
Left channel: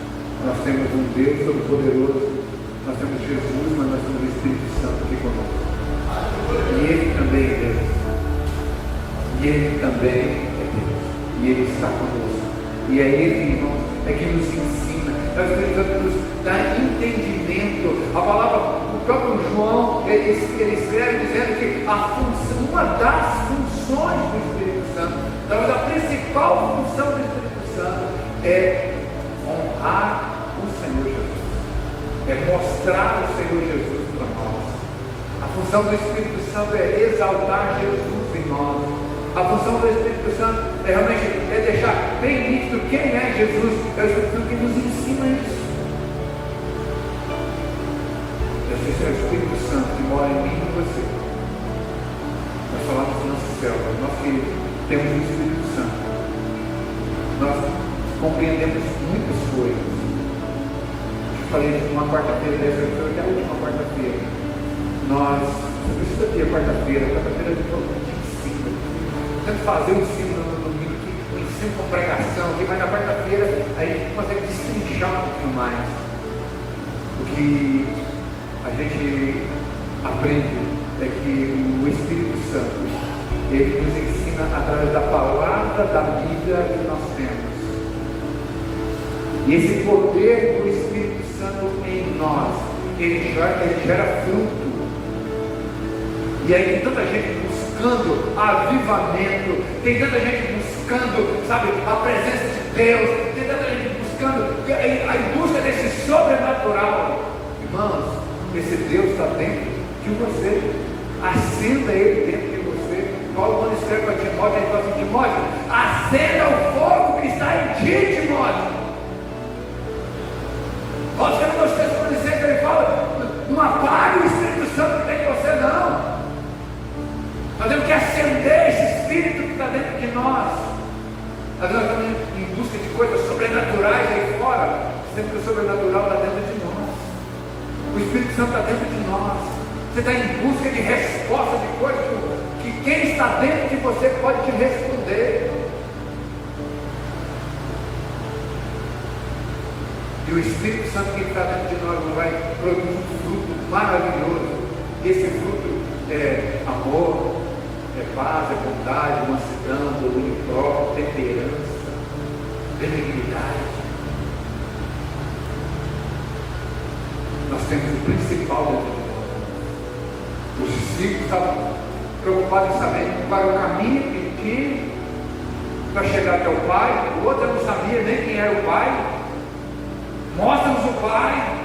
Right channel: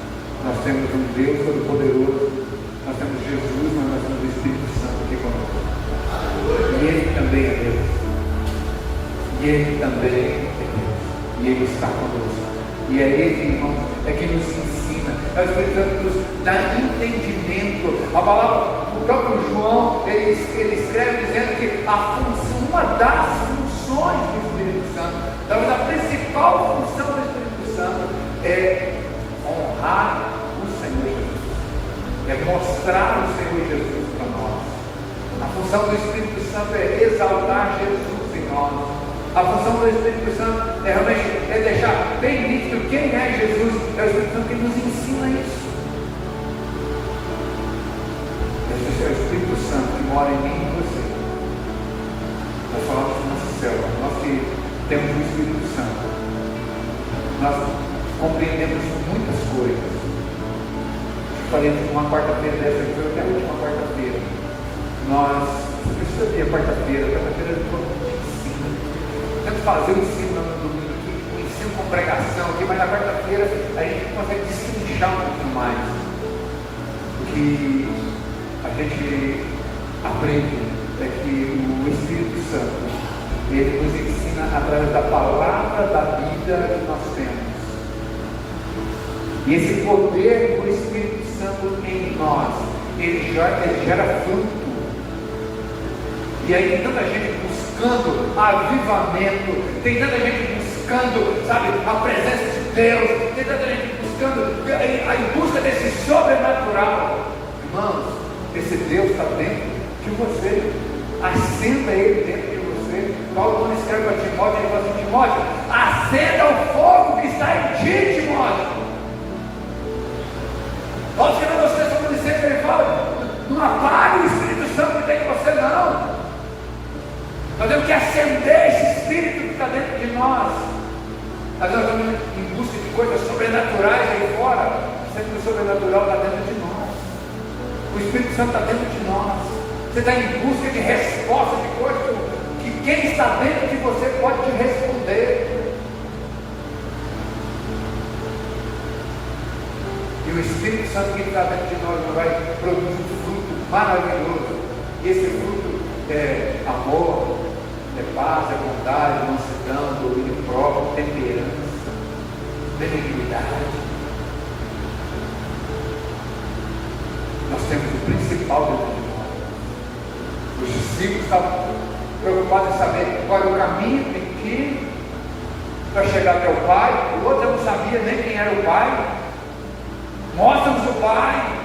Nós temos um Deus Todo-Poderoso, nós temos Jesus, mas nós temos o Espírito Santo aqui conosco. E Ele também é Deus. E Ele também é Deus. E Ele está conosco. E é Ele, irmão, é que nos ensina. Nós precisamos dar entendimento. A palavra, o próprio João, ele escreve dizendo que uma das funções do Espírito Santo, talvez a principal função do Espírito Santo, é honrar o Senhor Jesus. É mostrar o Senhor Jesus para nós. A função do Espírito Santo é exaltar Jesus em nós. A função do Espírito Santo é realmente deixar bem nítido quem é Jesus. É o Espírito Santo que nos ensina isso. Esse é o Espírito Santo que mora em mim e em você. Nós falamos na célula, nós que temos o Espírito Santo, nós compreendemos muitas coisas. Falei que uma quarta-feira dessa aqui, foi até a última quarta-feira. Nós, por isso que eu tenho quarta-feira de ensino. Temos que fazer o ensino no domingo, o ensino com pregação, mas na quarta-feira a gente consegue destrinchar um pouquinho mais. O que a gente aprende é que o Espírito Santo, ele nos ensina através da palavra da Bíblia que nós temos. E esse poder do Espírito Santo em nós, ele gera fruto. E aí tem tanta gente buscando avivamento, tem tanta gente buscando, sabe, a presença de Deus, tem tanta gente buscando a busca desse sobrenatural. Irmãos, esse Deus está dentro de você. Acenda Ele dentro de você. Paulo, quando escreve para Timóteo, ele fala assim: Timóteo, acenda o fogo que está em ti, Timóteo. Paulo escreve para você, ele fala: não apague o Espírito Santo que tem em você, não. Nós temos que acender esse Espírito que está dentro de nós. Nós estamos em busca de coisas sobrenaturais aí fora, sendo que o sobrenatural está dentro de nós. O Espírito Santo está dentro de nós. Você está em busca de resposta de coisas que quem está dentro de você pode te responder. E o Espírito Santo que está dentro de nós vai produzir um fruto maravilhoso. E esse fruto é amor, é paz, é bondade, mansidão, domínio próprio, temperança, benignidade. Nós temos o principal dentro de nós. Os discípulos estavam preocupados em saber qual era o caminho que tem que ir para chegar até o Pai. O outro não sabia nem quem era o Pai. Mostra-nos o Pai.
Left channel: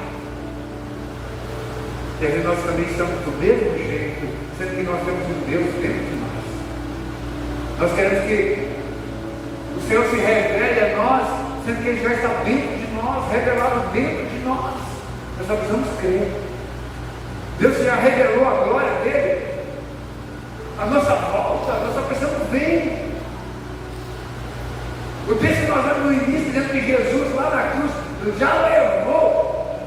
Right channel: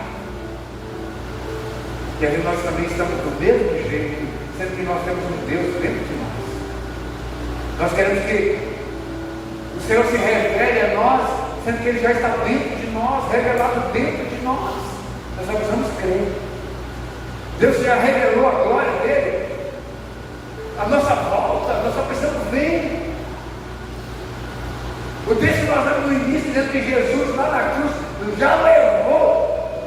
E aí nós também estamos do mesmo jeito, sendo que nós temos um Deus dentro de nós. Nós queremos que o Senhor se revele a nós, sendo que Ele já está dentro de nós, revelado dentro de nós. Nós só precisamos crer. Deus já revelou a glória dele, a nossa volta, nós só precisamos ver. O texto que nós vemos no início, dizendo que Jesus lá na cruz já levou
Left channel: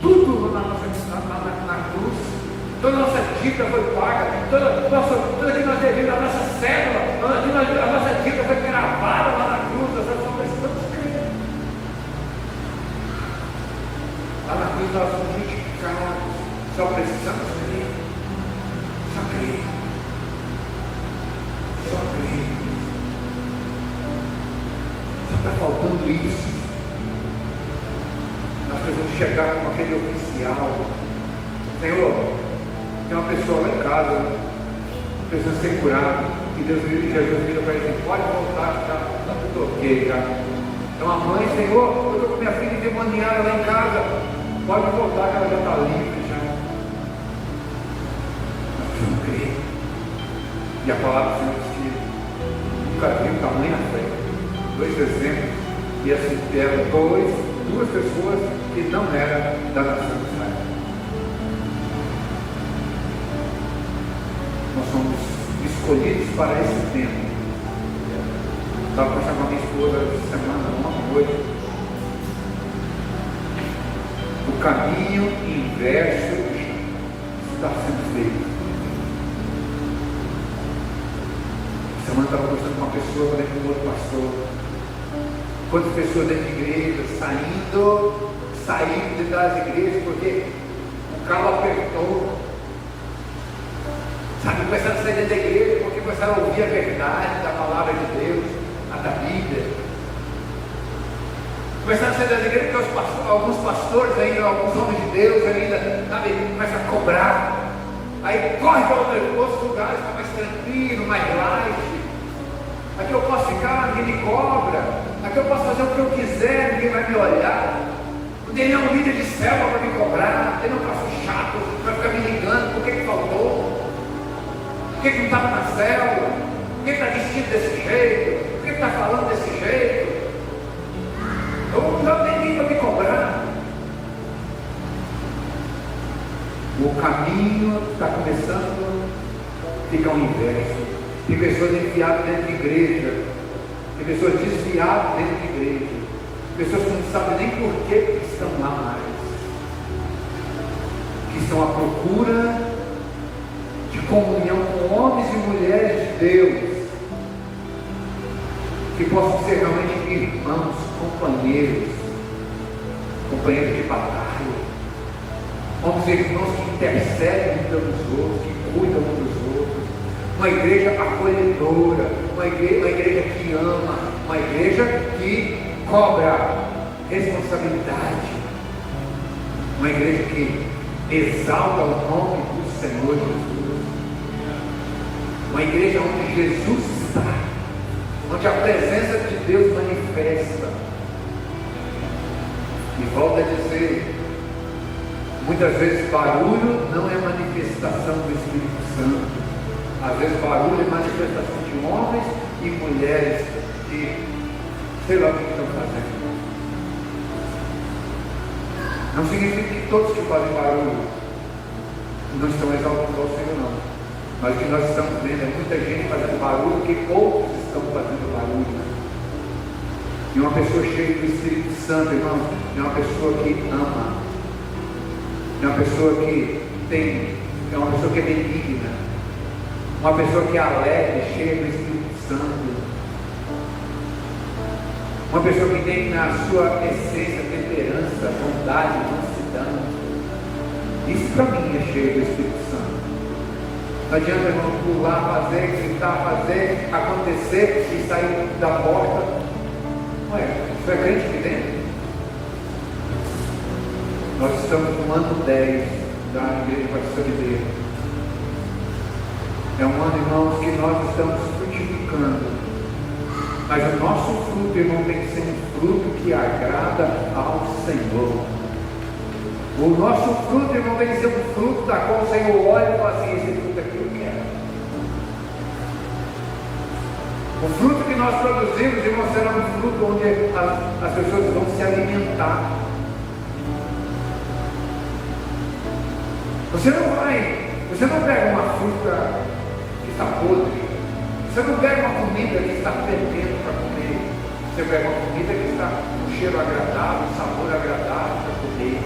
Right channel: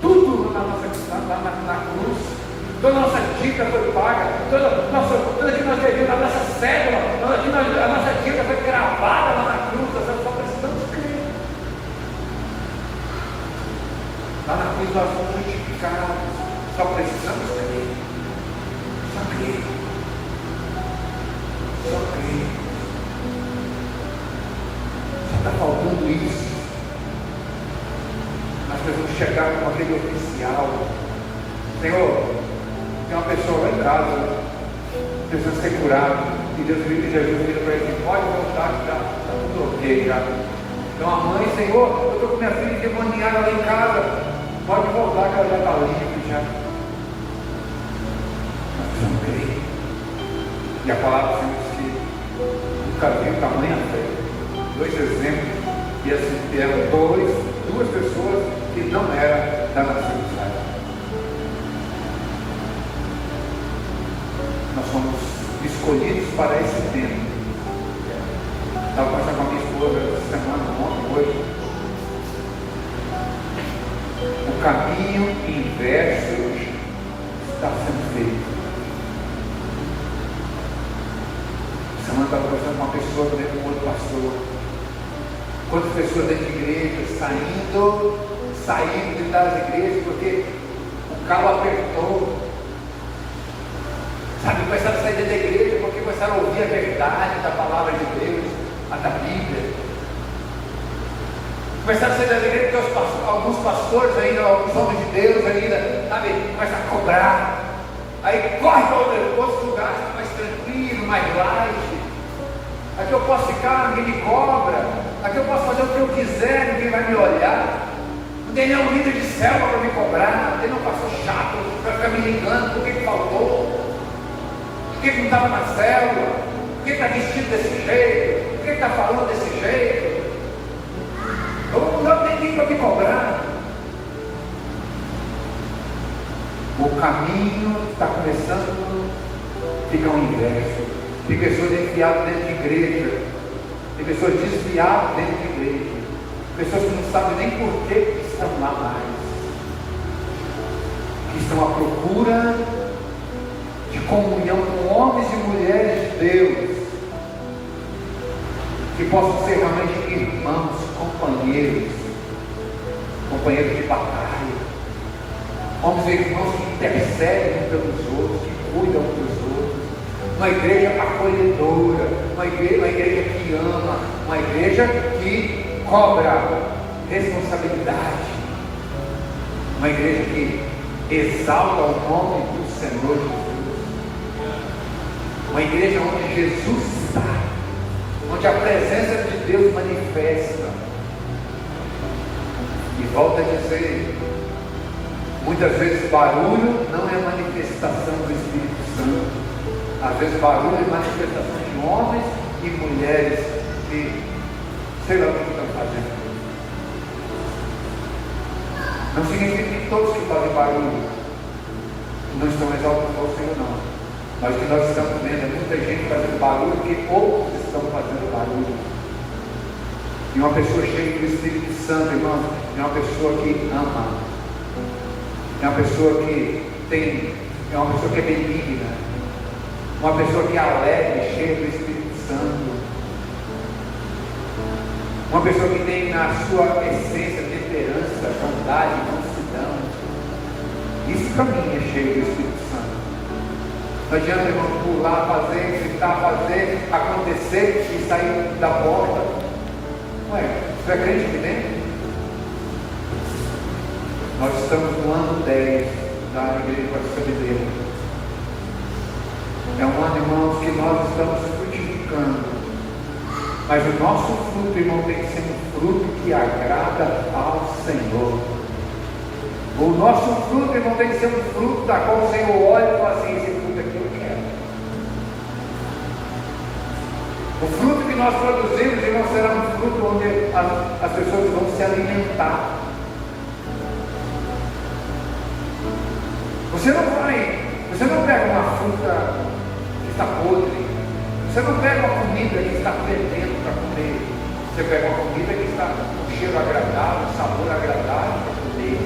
tudo na cruz. Toda a nossa dívida foi paga, toda que nós devemos, a nossa célula, a nossa dívida foi gravada lá na cruz. Nós só precisamos crer. Lá na cruz nós fomos justificados, só precisamos crer. Só crer. Só crer. Só está faltando isso. Nós precisamos chegar com aquele oficial. Senhor, tem uma pessoa lá em casa, precisa ser curada, e Deus me ajuda para ele, pode voltar, está tudo ok já. Então a mãe, Senhor, eu estou com minha filha endemoniada lá em casa, pode voltar que ela já está limpa já. Nós precisamos crer. E a palavra diz que nunca vi tamanha fé. 2 exemplos, e assim eram duas pessoas que não eram da nação de Israel. Nós somos escolhidos para esse tempo. Estava conversando com a minha esposa essa semana, caminho inverso está sendo feito. Semana estava conversando com uma pessoa, também com outro pastor. Quantas pessoas dentro de igreja saindo das igrejas porque o calo apertou. Sabe, começaram a sair da igreja porque começaram a ouvir a verdade da palavra de Deus, a da Bíblia. Começaram a sair da igreja porque alguns pastores ainda, alguns homens de Deus ainda, sabe, começam a cobrar. Aí corre para outros lugares, está mais tranquilo, mais light. Aqui eu posso ficar, ninguém me cobra. Aqui eu posso fazer o que eu quiser, ninguém vai me olhar. Não tem nenhum líder de célula para me cobrar. Não tem nenhum pastor chato para ficar me ligando por que faltou. Por que não estava na célula? Por que está vestido desse jeito? Por que está falando desse jeito? Eu não tenho ninguém para me cobrar. O caminho está começando a ficar o inverso. Tem pessoas enfiadas dentro de igreja, tem pessoas desviadas dentro de igreja, pessoas que não sabem nem por que estão lá mais, que estão à procura de comunhão com homens e mulheres de Deus, que possam ser realmente irmãos, companheiros de batalha, homens e irmãos que intercedem pelos outros, que cuidam dos outros. Uma igreja acolhedora, uma igreja que ama, uma igreja que cobra responsabilidade, uma igreja que exalta o nome do Senhor Jesus, uma igreja onde Jesus está, onde a presença de Deus manifesta. E volto a dizer, muitas vezes barulho não é manifestação do Espírito Santo. Às vezes barulho e manifestação de homens e mulheres que sei lá o que estão fazendo. Não significa que todos que fazem barulho não estão exaltando o Senhor, não. Mas o que nós estamos vendo é muita gente fazendo barulho que outros estão fazendo barulho. E uma pessoa cheia do Espírito Santo, irmão, é uma pessoa que ama, é uma pessoa que é uma pessoa que é benigna. Uma pessoa que é alegre, cheia do Espírito Santo. Uma pessoa que tem na sua essência temperança, bondade, mansidão. Isso para mim é cheio do Espírito Santo. Não adianta irmão pular, fazer, ficar, fazer, acontecer e sair da porta. Ué, você é crente aqui dentro? Nós estamos no ano 10 da Igreja Brasileira. É um ano, irmãos, que nós estamos frutificando. Mas o nosso fruto, irmão, tem que ser um fruto que agrada ao Senhor. O nosso fruto, irmão, tem que ser um fruto da qual o Senhor olha e fala assim: esse fruto aqui eu quero. O fruto que nós produzimos, irmão, será um fruto onde as pessoas vão se alimentar. Você não pega uma fruta está podre. Você não pega uma comida que está fervendo para comer. Você pega uma comida que está com um cheiro agradável, um sabor agradável para comer.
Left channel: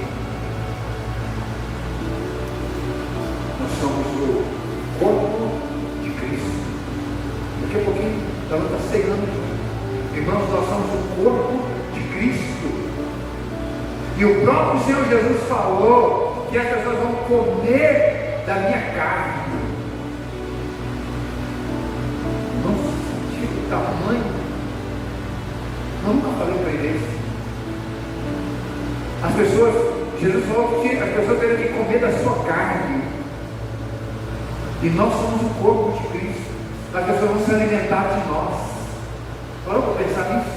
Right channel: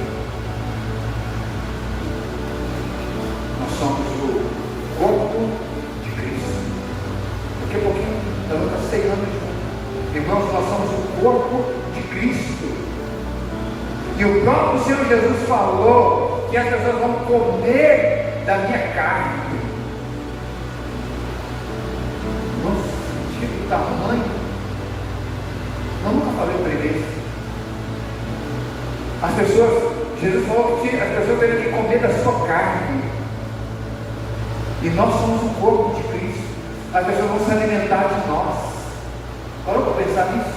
Nós somos o corpo de Cristo. Daqui a pouquinho nós vamos estar ceando. Irmãos, nós somos o corpo de Cristo. E o próprio Senhor Jesus falou que as pessoas vão comer da minha carne. Tamanho, eu nunca falei para ele. Jesus falou que as pessoas teriam que comer da sua carne. E nós somos o corpo de Cristo. As pessoas vão se alimentar de nós. Parou para pensar nisso?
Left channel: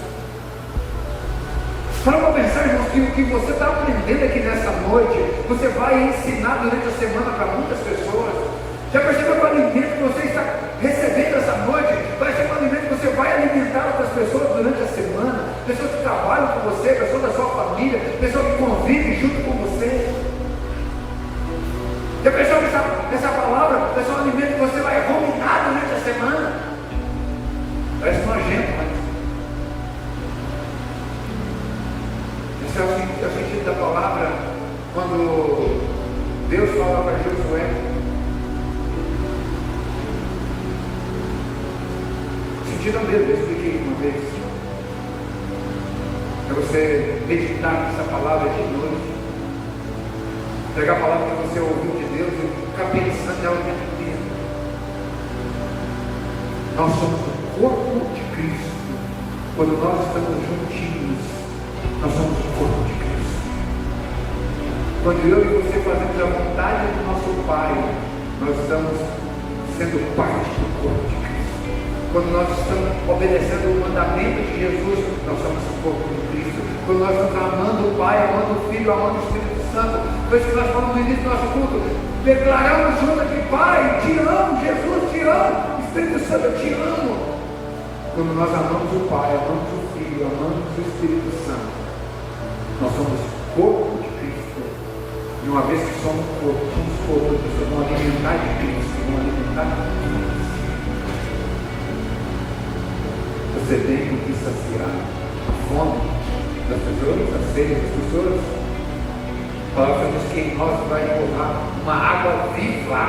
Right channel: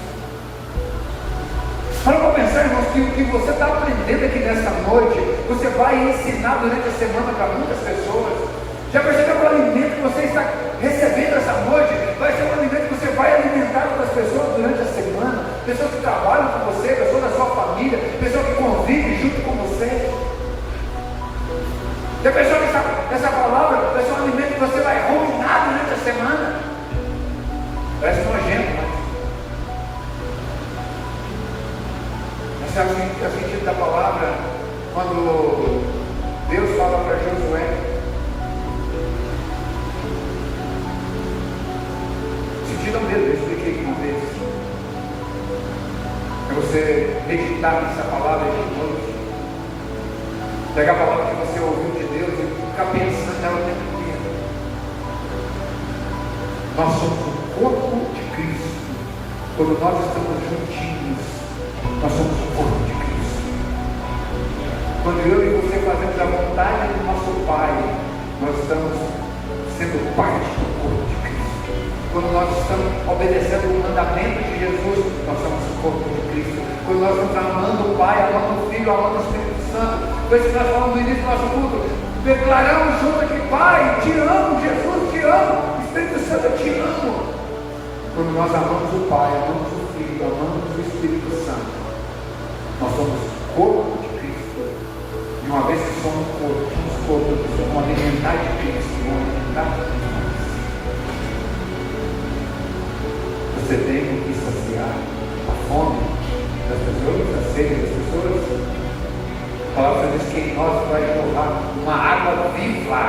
Parou para pensar, irmãos, que o que você está aprendendo aqui nessa noite, você vai ensinar durante a semana para muitas pessoas. Já percebeu que o alimento que você está recebendo essa noite vai ser um alimento que você vai alimentar outras pessoas durante a semana, pessoas que trabalham com você, pessoas da sua família, pessoas que convivem junto com você. Já pensou que essa palavra é só um alimento que você vai ruminar durante a semana? Parece nojento, né? Esse é o sentido da palavra quando tira medo, eu expliquei uma vez. Para você meditar nessa palavra de noite, pegar a palavra que você ouviu de Deus e ficar pensando nela o tempo inteiro. Nós somos o corpo de Cristo. Quando nós estamos juntinhos, nós somos o corpo de Cristo. Quando eu e você fazemos a vontade do nosso Pai, nós estamos sendo parte do corpo de Cristo. Quando nós estamos obedecendo o mandamento de Jesus, nós somos o corpo de Cristo. Quando nós estamos amando o Pai, amando o Filho, amando o Espírito Santo, foi isso que nós falamos no início do nosso culto. Declaramos juntos que Pai, te amo, Jesus, te amo, Espírito Santo, eu te amo. Quando nós amamos o Pai, amamos o Filho, amamos o Espírito Santo, nós somos o corpo de Cristo. E uma vez que somos corpo, vamos alimentar de Cristo, vamos alimentar de Cristo. Você tem que saciar a fome das pessoas, a sede das pessoas. A palavra diz que em nós vai jorrar uma água viva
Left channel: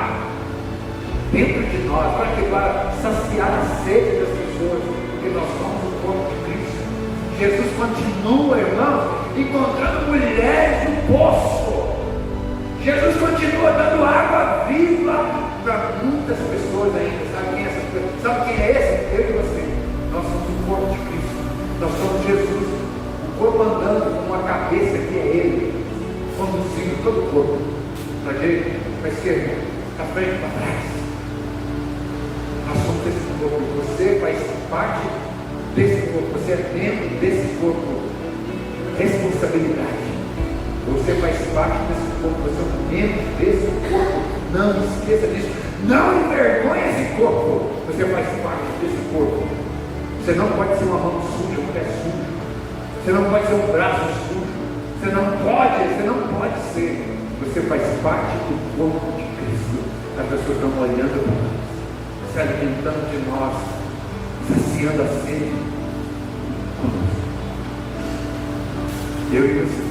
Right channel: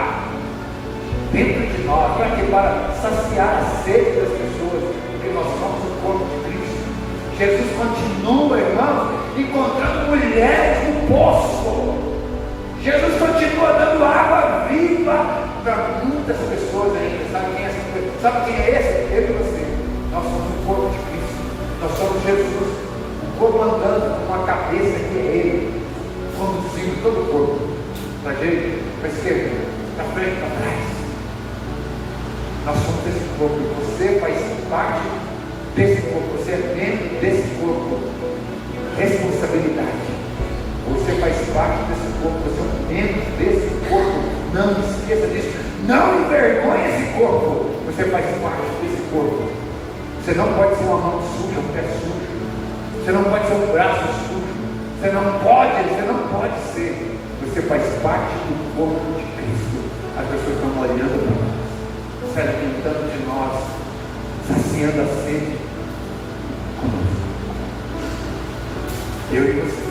dentro de nós, para saciar a sede das pessoas, porque nós somos o corpo de Cristo. Jesus continua, irmãos, encontrando mulheres no poço. Jesus continua dando água viva para muitas pessoas ainda. Sabe quem é esse? Eu e você. Nós somos o corpo de Cristo. Nós somos Jesus. O corpo andando com uma cabeça que é Ele, conduzindo todo o corpo. Para a direita, para a esquerda, para frente, para trás. Nós somos esse corpo. Você faz parte desse corpo. Você é membro desse corpo. Responsabilidade. Você faz parte desse corpo. Você é um membro desse corpo. Não esqueça disso. Não envergonhe esse corpo. Você faz parte desse corpo. Você não pode ser uma mão suja, um pé sujo. Você não pode ser um braço sujo. Você não pode ser. Você faz parte do corpo de Cristo. As pessoas estão olhando para nós, se alimentando de nós, saciando a sede conosco. Eu e você